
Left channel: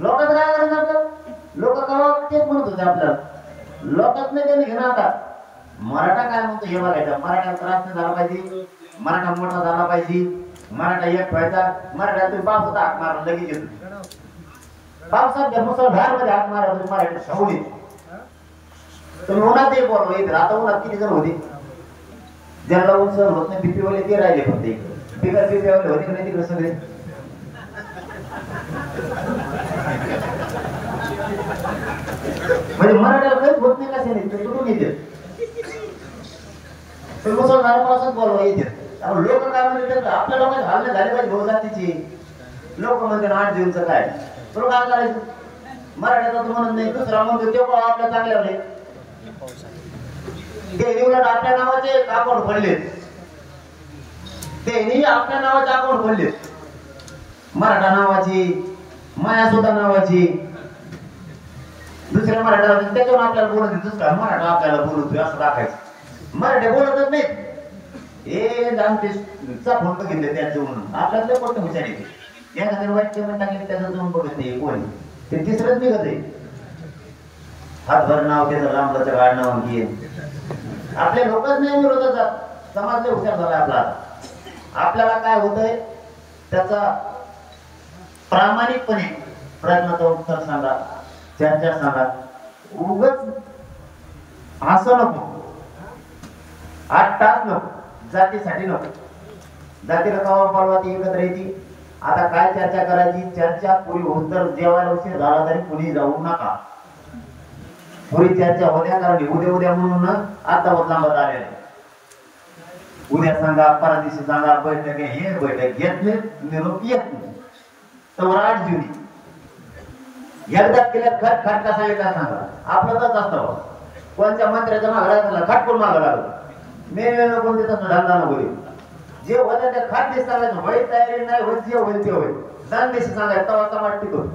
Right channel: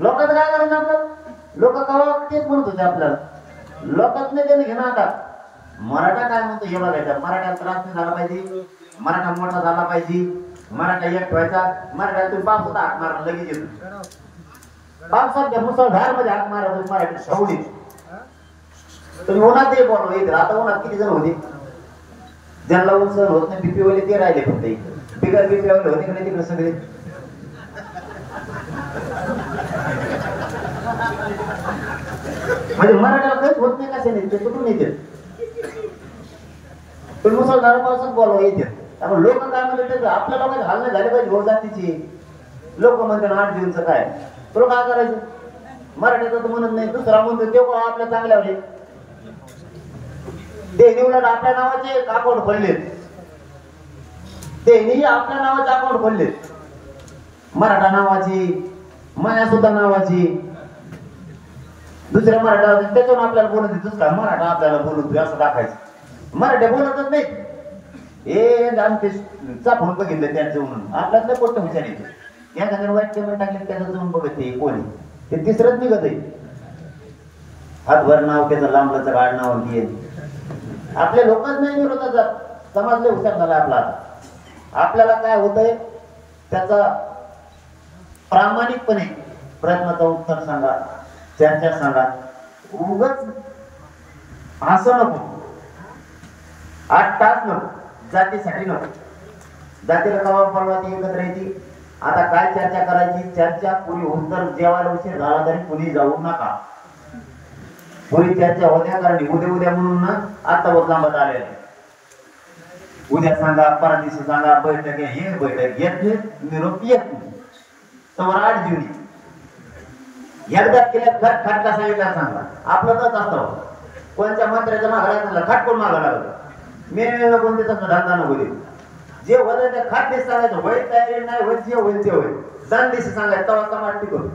लोकांचं काय करायचं आपलं लोक कवा तेच म्हणत होते आपल्याला लोकांच नाही त्याने घेणार आता मराठा काय म्हणतो हे बघायचं मराठ्याला त्रास नाही झाला पाहिजे मराठा मोठा झाला पाहिजे मराठा एक व्हायचा मराठा तुम्ही पावसाचा हाक मारा लगेच येतो पावसात मुसळधार मध्ये हाक मारा तुम्ही मराठी सवडी तुम्ही उन्हात एक बोलवा इथे आता उन्हात किती जण होते ज्यांना उंच होत नाही बीपी वाले ते राहिले फक्त इकडे बिगर बीपी वाले होते नाही तिकडे सगळे म्हणजे मराठीला काहीच होत नाही कसे नाही ते कुठून येते तुम्ही मुसळधार पावसात बोलवा येते लोक काय म्हणते आपल्या लोकांचे हालणे झाले पाहिजे रोजातीची लोक म्हणते 8 जूनचं काय तुला काय करायचं मराठीचा तर म्हणत नाही दुसरा म्हणतो ते पण आपल्या चांगल्यावर ते निवडत आपल्या नावाचे अकाउंट खोलले ते आपल्या नावाचे अकाउंट खोलले मराठा नावाची माया सुद्धा नावाची दुसऱ्या मराठ्याला त्याच्यावर आपल्याला बोलत दुसरा मराठा आपल्याला बोलत असं टाकायचं मराठ्या बोलतच नाही हे चा फोन बघितले त्याचे म्हणून आपल्याला कोणतं विचारायचे एखाद्या वाईट पेमेंट टाकले त्याचा जाऊन बघत नाही कोणी ते तिसरंच निघत आहे. हातभर नाव केलं लांबचं गाड नाव घे. आपले लोकच नाही विरोधात जात. समाजले हुशार झाला आपला. आपल्याला काय होतंय त्याचा प्रामाणिकपणे प्रश्नाचं उत्तर सांगा, चर्चा सांगा. उगच असं नको, 8 तास नको, जातीसाठी नको. जातीला कवा बोलवा ती एकत्र येते. आता काय चर्चा करायची, चर्चा पुरी होत तर जेवायला उशीर झाला तरी कुणी जाऊ नका. पुरी चर्चा होत्या, कारण उद्या म्हणून ना आता होत लांबत आलेला. उद्या सांगा, परवा दिवशी सांगा, बैठक हे बैठक घेत नाही, निरोप येत नाही. तर 8 जुनी एकदा केल्यात खट खटका सांगितलं सांगा. आपलं तर असतं कोणत्या मंत्र्याचं मागायला खट कोण मागा लागलं. मी कोणते तसं धंदा नको देऊ. जे होतं ते खाट दिस सांगायचं. होईल तयारी नाही होईल, जे होईल ते होईल. दन दिवशी सांगायचं तवा समाज टिकून.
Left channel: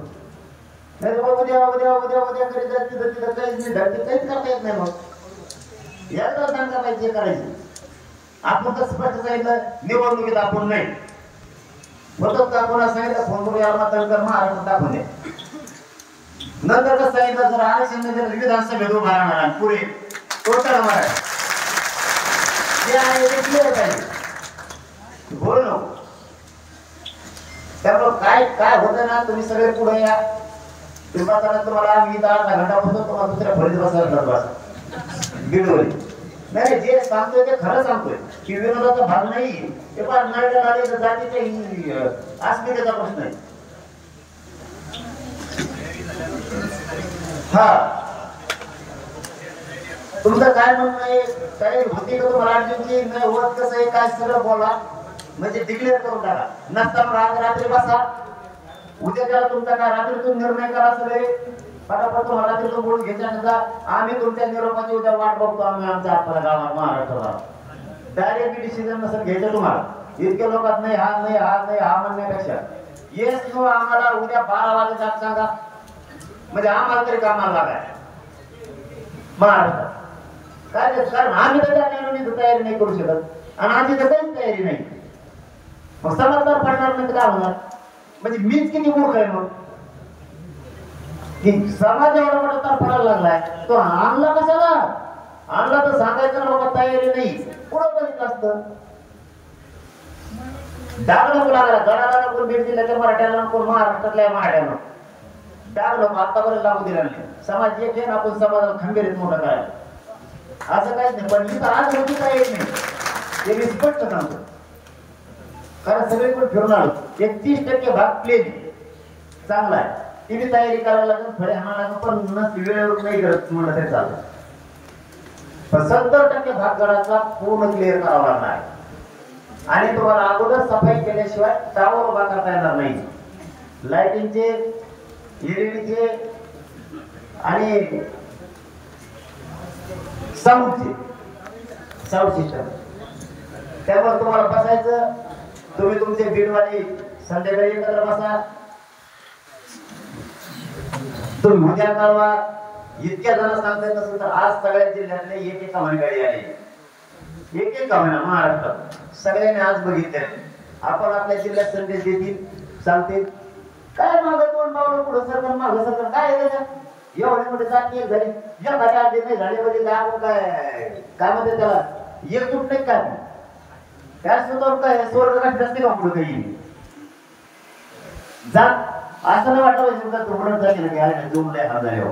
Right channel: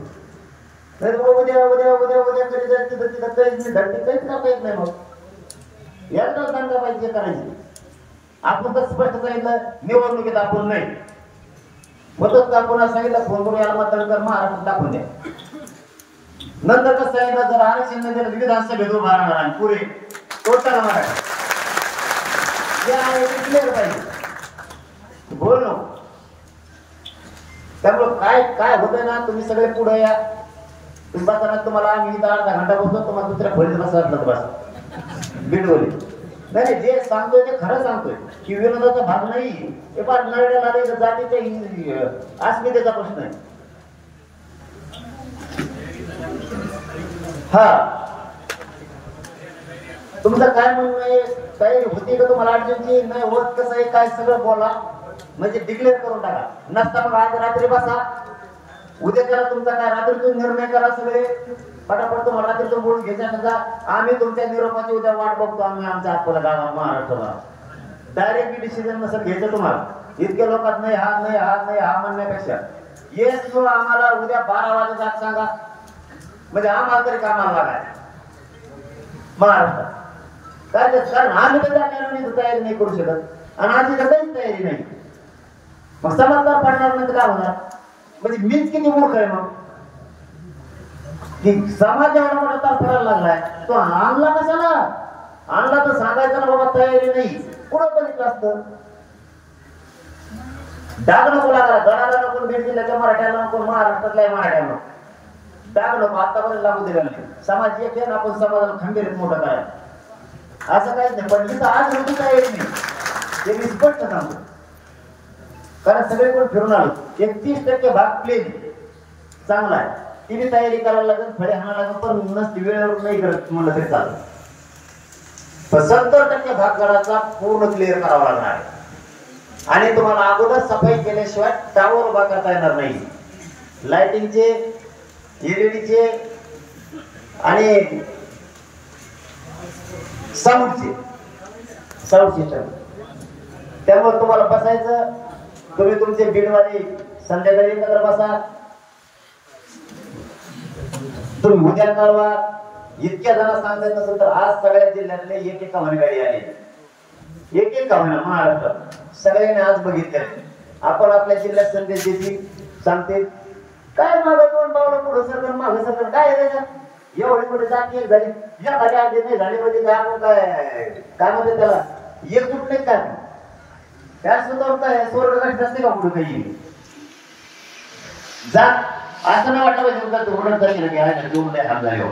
नाही उद्या उद्या उद्या उद्या कधी जायचं तिथं काहीच नाही, काहीच करता येत नाही. मग एकदा दंगा पाहिजे करायची. आपण तर स्पष्ट सांगितलं निवडणुकीत आपण नाही होतच का. कोणा सांगितलं फोन मतदान कर, महाराष्ट्र दाखवून द्या. नंतर कसं सांगितलं जर आरक्षण नसेल विधानसभेत उभा राहणार पुढे कोणता राहणार बोल नो. त्यामुळे काय काय होतं ना, तुम्ही सगळे पुढे या. तुम्हाला आम्ही इथं अर्धा घंटा बसतो, तुम्हाला दुसऱ्या खोलीत बसवत बस बिडोली. नाही जे सांगतोय ते खरं सांगतोय की विरोधाचा भाग नाही. ते पण नळ्या जातीच्या अस्मितेचा प्रश्न आहे. हा तुमचं काय म्हणणं आहे, काय होती का तुम्हाला अडचणची नाही होत कसं आहे काय सगळं बोला, म्हणजे डिक्लेअर करून टाका. नसताना आज रात्री बसा, उद्या करा तुमचा काय रात्रीतून निर्णय करा. सगळे पटापट रात्रीतून बोलून घ्यायच्या. आम्ही तुमच्या निरोपाची उद्या वाट बघतो. आम्ही आमच्या आपल्या गावात महाराष्ट्राला डायरेक्ट डिसिजन नसेल घ्यायचं तुम्हाला. इतक्या लोकात नाही हा नाही हा नाही हा म्हणण्यापेक्षा येस आम्हाला उद्या 12 वाजता सांगा, म्हणजे आम्हाला तरी कामाला काय महाराष्ट्र काय. कारण आम्ही तर तयारी नाही करू शकत आणि आमची सगळ्याच तयारी नाही. मग समजदार पडणार नाही काय होणार. म्हणजे मीच किती मूर्ख आहे मग की समाज एवढा मोठा तर पडायला लागलाय. तो आणला कशाला आणला तर सांगायचं ना बाबा तयारी नाही. पुढं बघितलं असतं. डाग नको लागला, गडाला नको, बीड जिल्ह्यातल्या मराठ्याला नको, महाराष्ट्रातल्या मराठ्याला डाग नको. आतापर्यंत लागू दिला नाही. समाज एक आहे, आपण समाजाला खंबीरीत मोठा करायचं असं काहीच नाही. पण इथं आज होती काय येत नाही हे मी स्पष्ट सांगतो. कारण सगळे पण फिरून आलो. 31% भाग प्लेन चांगला आहे. तिने तयारी करायला लागेल, फळे हाणायला लागेल, पण नसती वेळ नाही करत म्हणलं तरी चालतं. 70% भाग गडाचा पूर्ण क्लिअर करावा लागणार आणि तुम्हाला अगोदर सफाई केल्याशिवाय टावर उभा करता येणार नाही. लाइटिंगचे, एलईडीचे आणि साऊंड सिस्टम. त्यामुळे तुम्हाला बसायचं. तुम्ही तुमचे बीडवाले संध्याकाळी एकत्र बसा. तुम्ही उद्या कळवा. इतक्या जण सांगत नसेल तर आज सगळ्या जिल्ह्यातले एक गाडी आहे. एक महाराष्ट्रात सगळ्यांनी आज बघितले. आपण आपल्या जिल्ह्यात संदेश देतील, सांगतील काय मागं दोन पावलं पुढं सरकार मागं सरकार काय एवढे मोठे जाती झाली एखाद्या नाही झाले म्हणजे काय म्हणते त्याला एक कुठले काय त्या सुद्धा काय स्वर्गात जास्त का पुढे काही जात असं नाही वाटावं धोरण झाली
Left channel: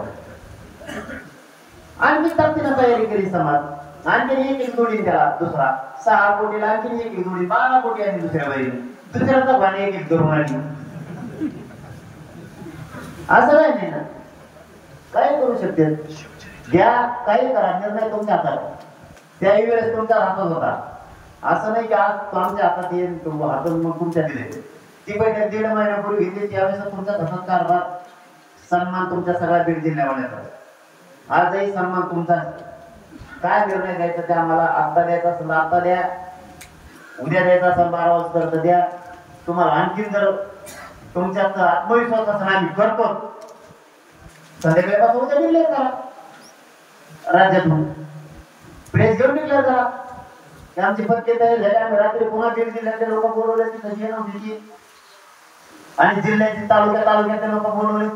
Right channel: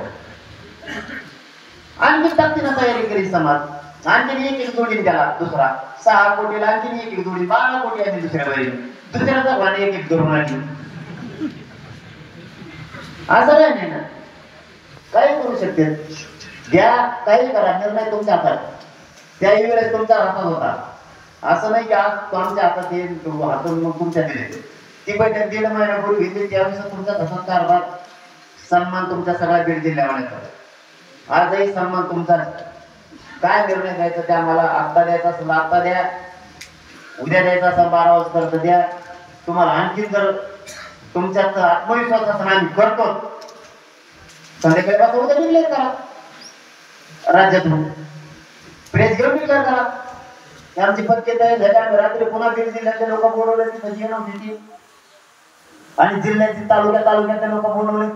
आणखी ताकदीनं तयारी केली समाज. आणखी एक जोडी त्याला दुसरा 6 कोटीला आणखी एक जोडी 12 कोटी आणि दुसऱ्याचा भाने एक धरून आली. असं नाही ना काय करू शकते. द्या काही करा, निर्णय तुमच्या हातात. त्याही वेळेस तुमच्या हातात होता. असं नाही की आज आमच्या हातात येईल हातून मग तुमच्या दिले. ती बैठक 1.5 महिन्यापूर्वी घेतली त्यावेळेस तुमचा तसाच कारभार सन्मान तुमच्या सगळ्या बीड जिल्ह्यामध्ये. आजही सन्मान तुमचा. काय निर्णय द्यायचा ते आम्हाला आता द्यायचा असेल आता द्या, उद्या द्यायचा असेल 12 वाजता द्या. तुम्हाला आणखी जर तुमच्यात आत्मविश्वास असेल आम्ही करतो संध्याकाळी उद्या डिक्लेअर करा. राज्यातून प्रेस घेऊन डिक्लेअर करा. आमची पत्ते रात्री पुन्हा बीड जिल्ह्याचे लोक बोलवले तिथे आणि जिल्ह्याचे तालुक्यातले लोक बोलवले.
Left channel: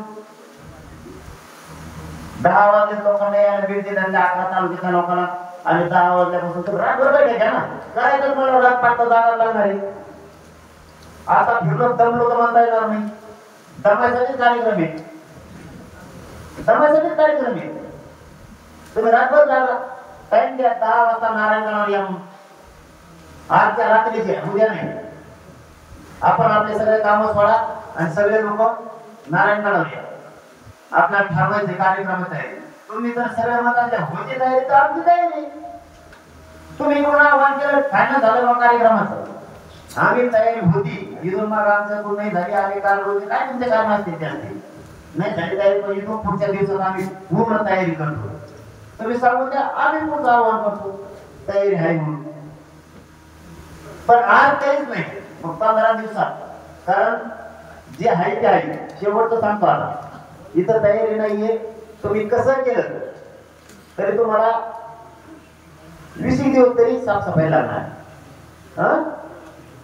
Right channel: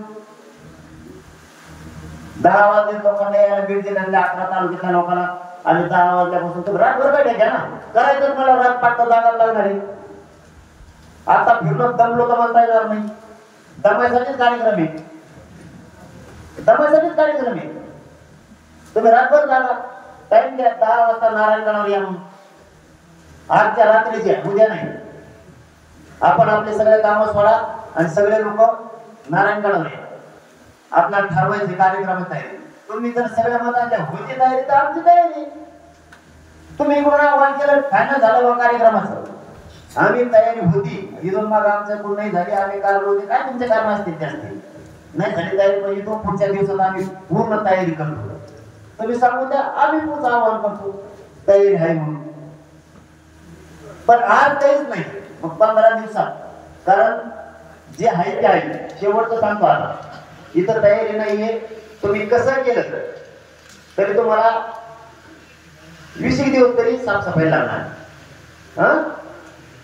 10 वाजता लोकांना यायला भेट दिली आणि 11 तालुक्याच्या लोकांना आम्ही 10 वाजल्यापासून तर रात बघायला घ्या ना करायचं मला रात पाठवता जागा लागणार आहे. आता फिरलो दमलो तर म्हणता येणार नाही. दमायसाठीच कार्यक्रम आहे. दमायसाठीच कार्यक्रम आहे. तुम्ही रातभर जागा टाइम द्या 10 वाजता नारायणगडावर या. आजच्या रात्रीचे उद्या नाही. आपण आपले सगळे कामं सोडा आणि सगळे लोक नारायणगडावर या. आपल्याला ठरवायचे कार्यक्रमात आहे. तुम्ही जर सगळ्या मताच्या होती तयारी तर आमची तयारी. तुम्ही म्हणून आव्हान केलं फायनल झालं बा कार्यक्रमाचं. आम्ही तयारी होती इथून मग आमचं पूर्ण नाही झाली आम्ही कारण होते काय तुमचे कारण असतील ते असतील नाही झाली तयारी पाहिजे तो पुढच्या दिवसात आम्ही पूर्ण तयारी करतो. तुम्ही सांगून द्या आम्ही पुढचं आव्हान करतो तयारी आहे म्हणून. पण आज काहीच नाही मग 15 दिवसात कारण जे आहे ते आहे शेवटचं सांगतो. आता इथं तयारी नाहीये. तुम्ही कसं केलं तरी तुम्हाला 20 दिवस तरी साफसफाई लागणार.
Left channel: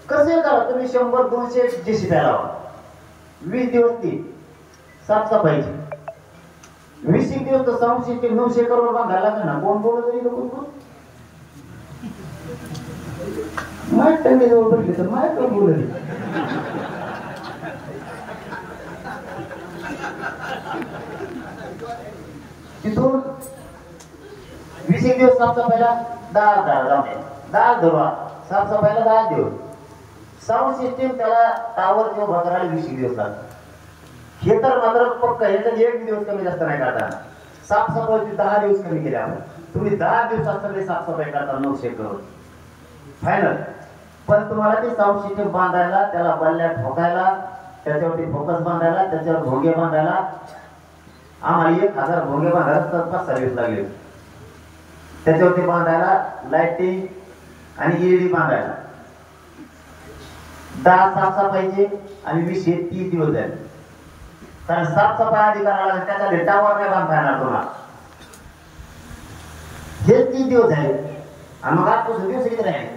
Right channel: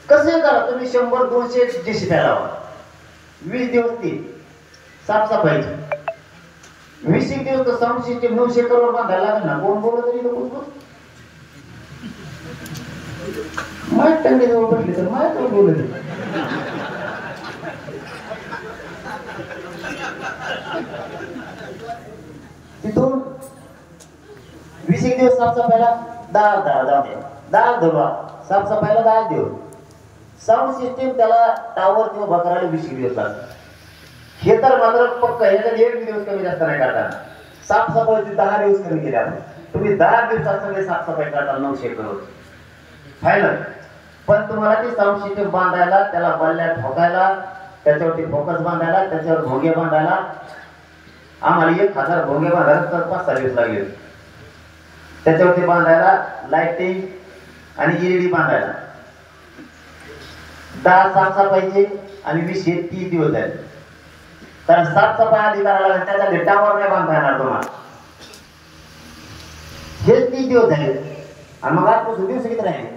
कसे करा तुम्ही 100-200 जेसीबी लावा 20 दिवस ती साफसफाईची. 20 दिवस तर 900 करोड बांधायला लागेल ना. कोण बोलत तरी लोक माहीत त्यांनी जवळ बसले तर माहीत कोण बोलत तिथून 20 दिवस साफसफाईला 10 दिवस साफसफाईला 10 दिवस. साऊंड सिस्टीम त्याला टावर किंवा बघायला 20 दिवस लागतात. हे तर मात्र पक्क याच्यात 1 दिवस कमी जास्त नाही करता. साफसफाईची 10 दिवस कमी केले आपण. तुम्ही 10 दिवसात सगळे साफसफाई करता 900 करोड फायनल. पण तुम्हाला ती साऊंड सिस्टीम बांधायला त्याला बल्ल्या ठोकायला त्याच्यावरती फोकस बांधायला त्याच्यावर भोगे बांधायला आम्हाला 1000 भोगे बांधायला तर 5-6 दिवस लागले. त्याच्यावरती बांधायला लाइटिंग आणि LED बांधायला 10 साफसफाईचे आणि 20-30 दिवस आहेत. तर साफसफाई आधी करायला लागेल त्याच्या डेटावर नाही बांधता येणार तुम्हाला. हे 30 दिवस आहेत आणि मग आजपासून दिवस किती आहे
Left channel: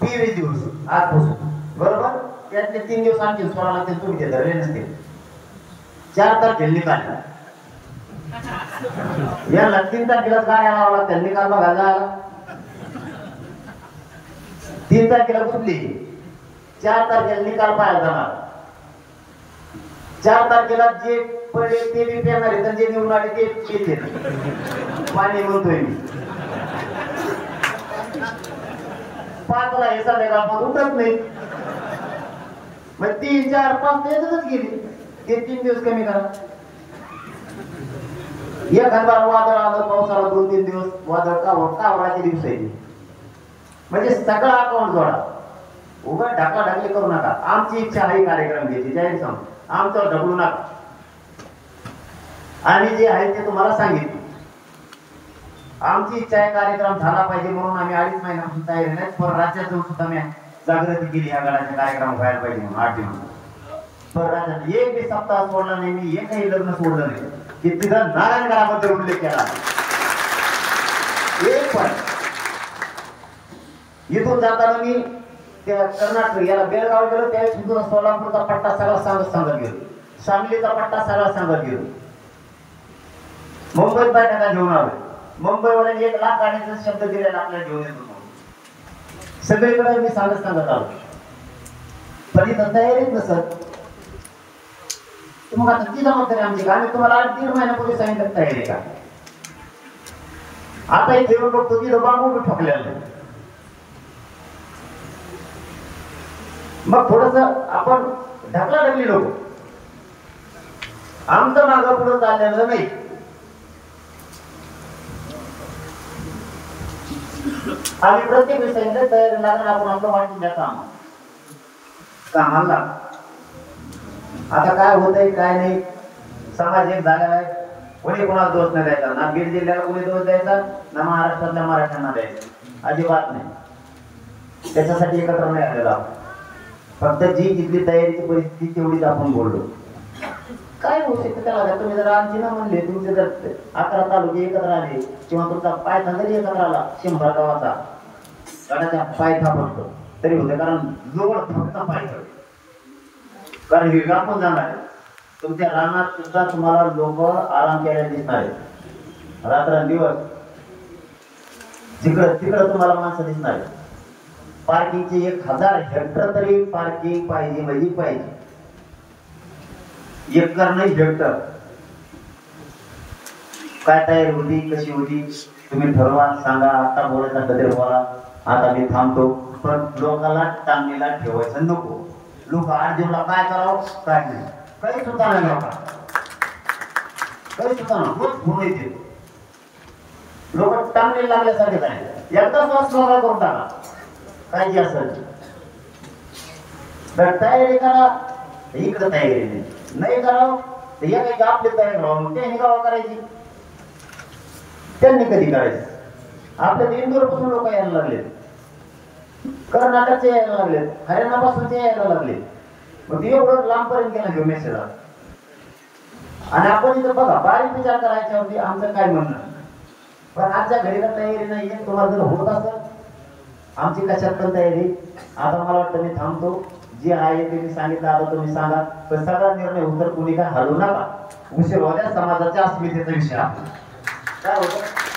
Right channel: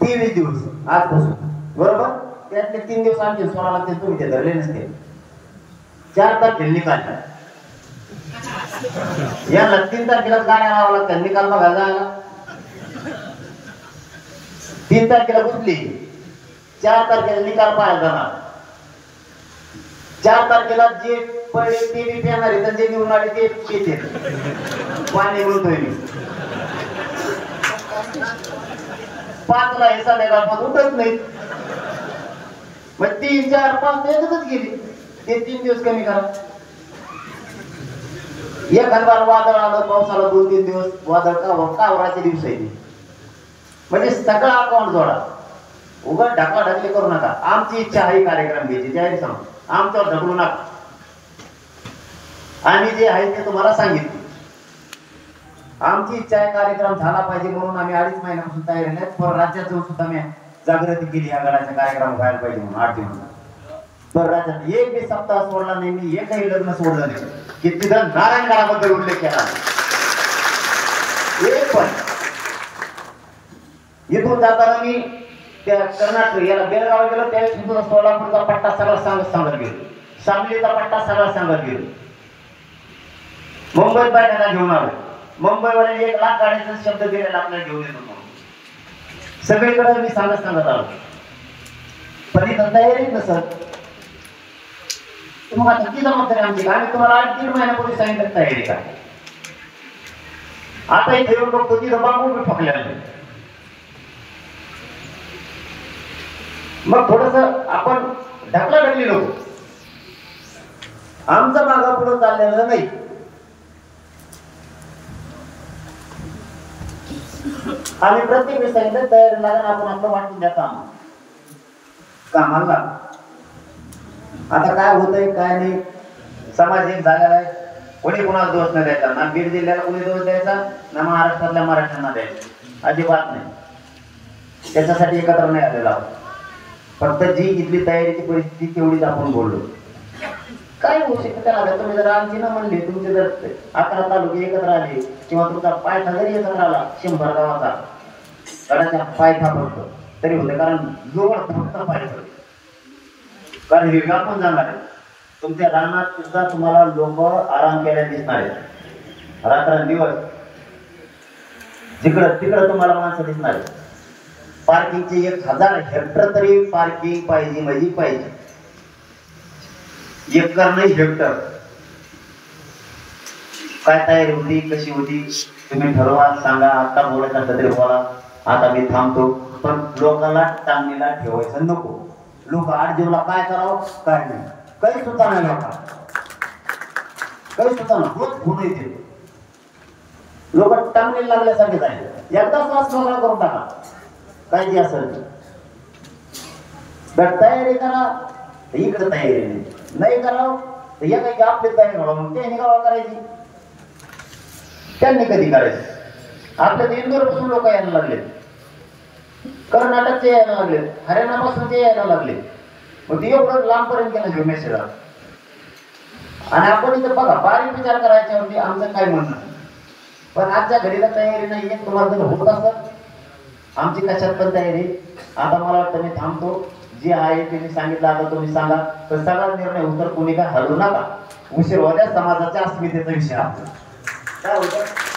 23 दिवस आजपासून बरोबर. त्यातले 3 दिवस आणखी 16 लागतील तुम्ही ते धरले नसतील. 4 तारखेला निकाल याला 3 तारखेला गाड्या लावा लागतात निकाल बघायला आला. 3 तारखेला कुठली 4 तारखेला निकाल पाहायला जाणार. 4 तारखेला जे पडले ते बी पेणार आहे तर जे निवडून आले ते पिते पाणी बोलतोय. 5 ला हे सगळ्या गावात उठत नाही. मग 3, 4, 5 येतच गेली. ते 3 दिवस कमी करा. एखादा वादळ आलं पावसाला 2-3 दिवस वादळ कावराचे दिवस आहे म्हणजे सगळा अकाउंट जोडा. उगा ढकलाढकली करू नका. आमची इच्छा आहे कार्यक्रम घ्यायची जाहीर सांग आमच्यावर ढकलू नका. आम्ही जे आहे ते तुम्हाला सांगितले. आमची इच्छा आहे कार्यक्रम झाला पाहिजे म्हणून आम्ही 2.5 महिन्यापासून तयारी नाही. पण राज्यातून सुद्धा मी जागृती केली या वेळाचे कार्यक्रम व्हायला पाहिजे म्हणून 8 दिवस. तर राज्यात एक बी सप्ताह सोडला नाही मी. एकही लग्न सोडलं नाही की तिथं नारायणगडाबद्दल उल्लेख केला. एक पण इथून जाताना मी त्या कर्नाटक याला बेळगाव गेलो त्यावेळेस तिथून सोलापूरचा पट्टा सगळा सांगत गेलो. सांगलीचा पट्टा सगळा सांगत गेलो. मुंबईत बैठका घेऊन आलो. मुंबईवाले 1 लाख गाड्यांचा शब्द दिलेला आपल्याला घेऊन येतो. सगळीकडे मी सांगत आलो. पण इथं तयारीच नसत. तुम्हाला किती जमत आहे आमची आम्ही तुम्हाला 8-3 महिन्यापूर्वी सांगितलं तयारी का. आता इथे येऊन बघतो तिथं बांबू बी पकडले आले. मग थोडस आपण ढकलाढकली नको. आमचं मागं पुढे चाललेलं नाही. आम्ही प्रत्येक विषयाने तयारी लागून आपण आपलं वाटून द्यायचं कामाला. आता काय होतंय काय नाही समाज एक झालेला आहे. कोणी कोणाला दोष नाही द्यायचा. ना बीड जिल्ह्याला कोणी दोष द्यायचा ना महाराष्ट्रातल्या मराठ्यांना द्यायचा. अजिबात नाही. त्याच्यासाठी एकत्र नाही आलेला. फक्त जी इथली तयारीची परिस्थिती तेवढीच आपण बोललो. काय होऊ शकतं तुम्ही जर आमची न म्हणले तुमचे जर 11 तालुके एकत्र आले किंवा तुमचा पायथा जरी एकत्र आला 100 गावाचा गडाच्या पायथा पडतो तरी होते. कारण जवळ फक्त पायथा कारण हे व्यापून जाणार आहे. तुमच्या रानात सुद्धा तुम्हाला लोक आराम केल्याला दिसणार आहेत. रात्रंदिवस जिकडं तिकडं तुम्हाला माणसं दिसणार आहेत. पार्किंगचे 1000 हेक्टर तरी पार्किंग पाहिजे म्हणजे पाहिजे. एकर नाही हेक्टर. काय तयारी होती कशी होती तुम्ही ठरवा, सांगा. आता बोलत असलं तरी बोला. आता मी थांबतो. पण लोकांना टांगणीला ठेवायचं नको. लोक 8 दिवसाला काय करावं काय नाही कधी सुद्धा नाही नका. कधी सुद्धा होत येते. लोक टांगणीला लागल्यासारखे झाले. एकदा श्वास मोकळा करून टाका. काय जे असेल तर तयारी करा. इकडं तयारी नाही करावं तर या काही आपली तयारी करावं. ते निघावं करायची त्यांनी कधी करायची. आपल्या इंदोरपासून लोक यायला लागले, कर्नाटकचे यायला लागले, हरियाणापासून ते यायला लागले. मग ते एवढं लांबपर्यंत गेलं घेऊन मेसेज. आणि आपण इथं बघा बारीक विचार करायच्या होती आमचं काय म्हणणं. पण आजच्या घडीला तयारी नाहीये. तुम्हाला जर होत असेल आमची कशात पण तयारी. आता मला वाटतं मी थांबतो. जे आहे ते मी सांगितलं. आता तुम्ही सांगा. तर सगळा निर्णय उत्तर कोणी काय हलवू नका. उशीर होत्या समाजाच्या अस्मितेचा विषय आपला काय होतं.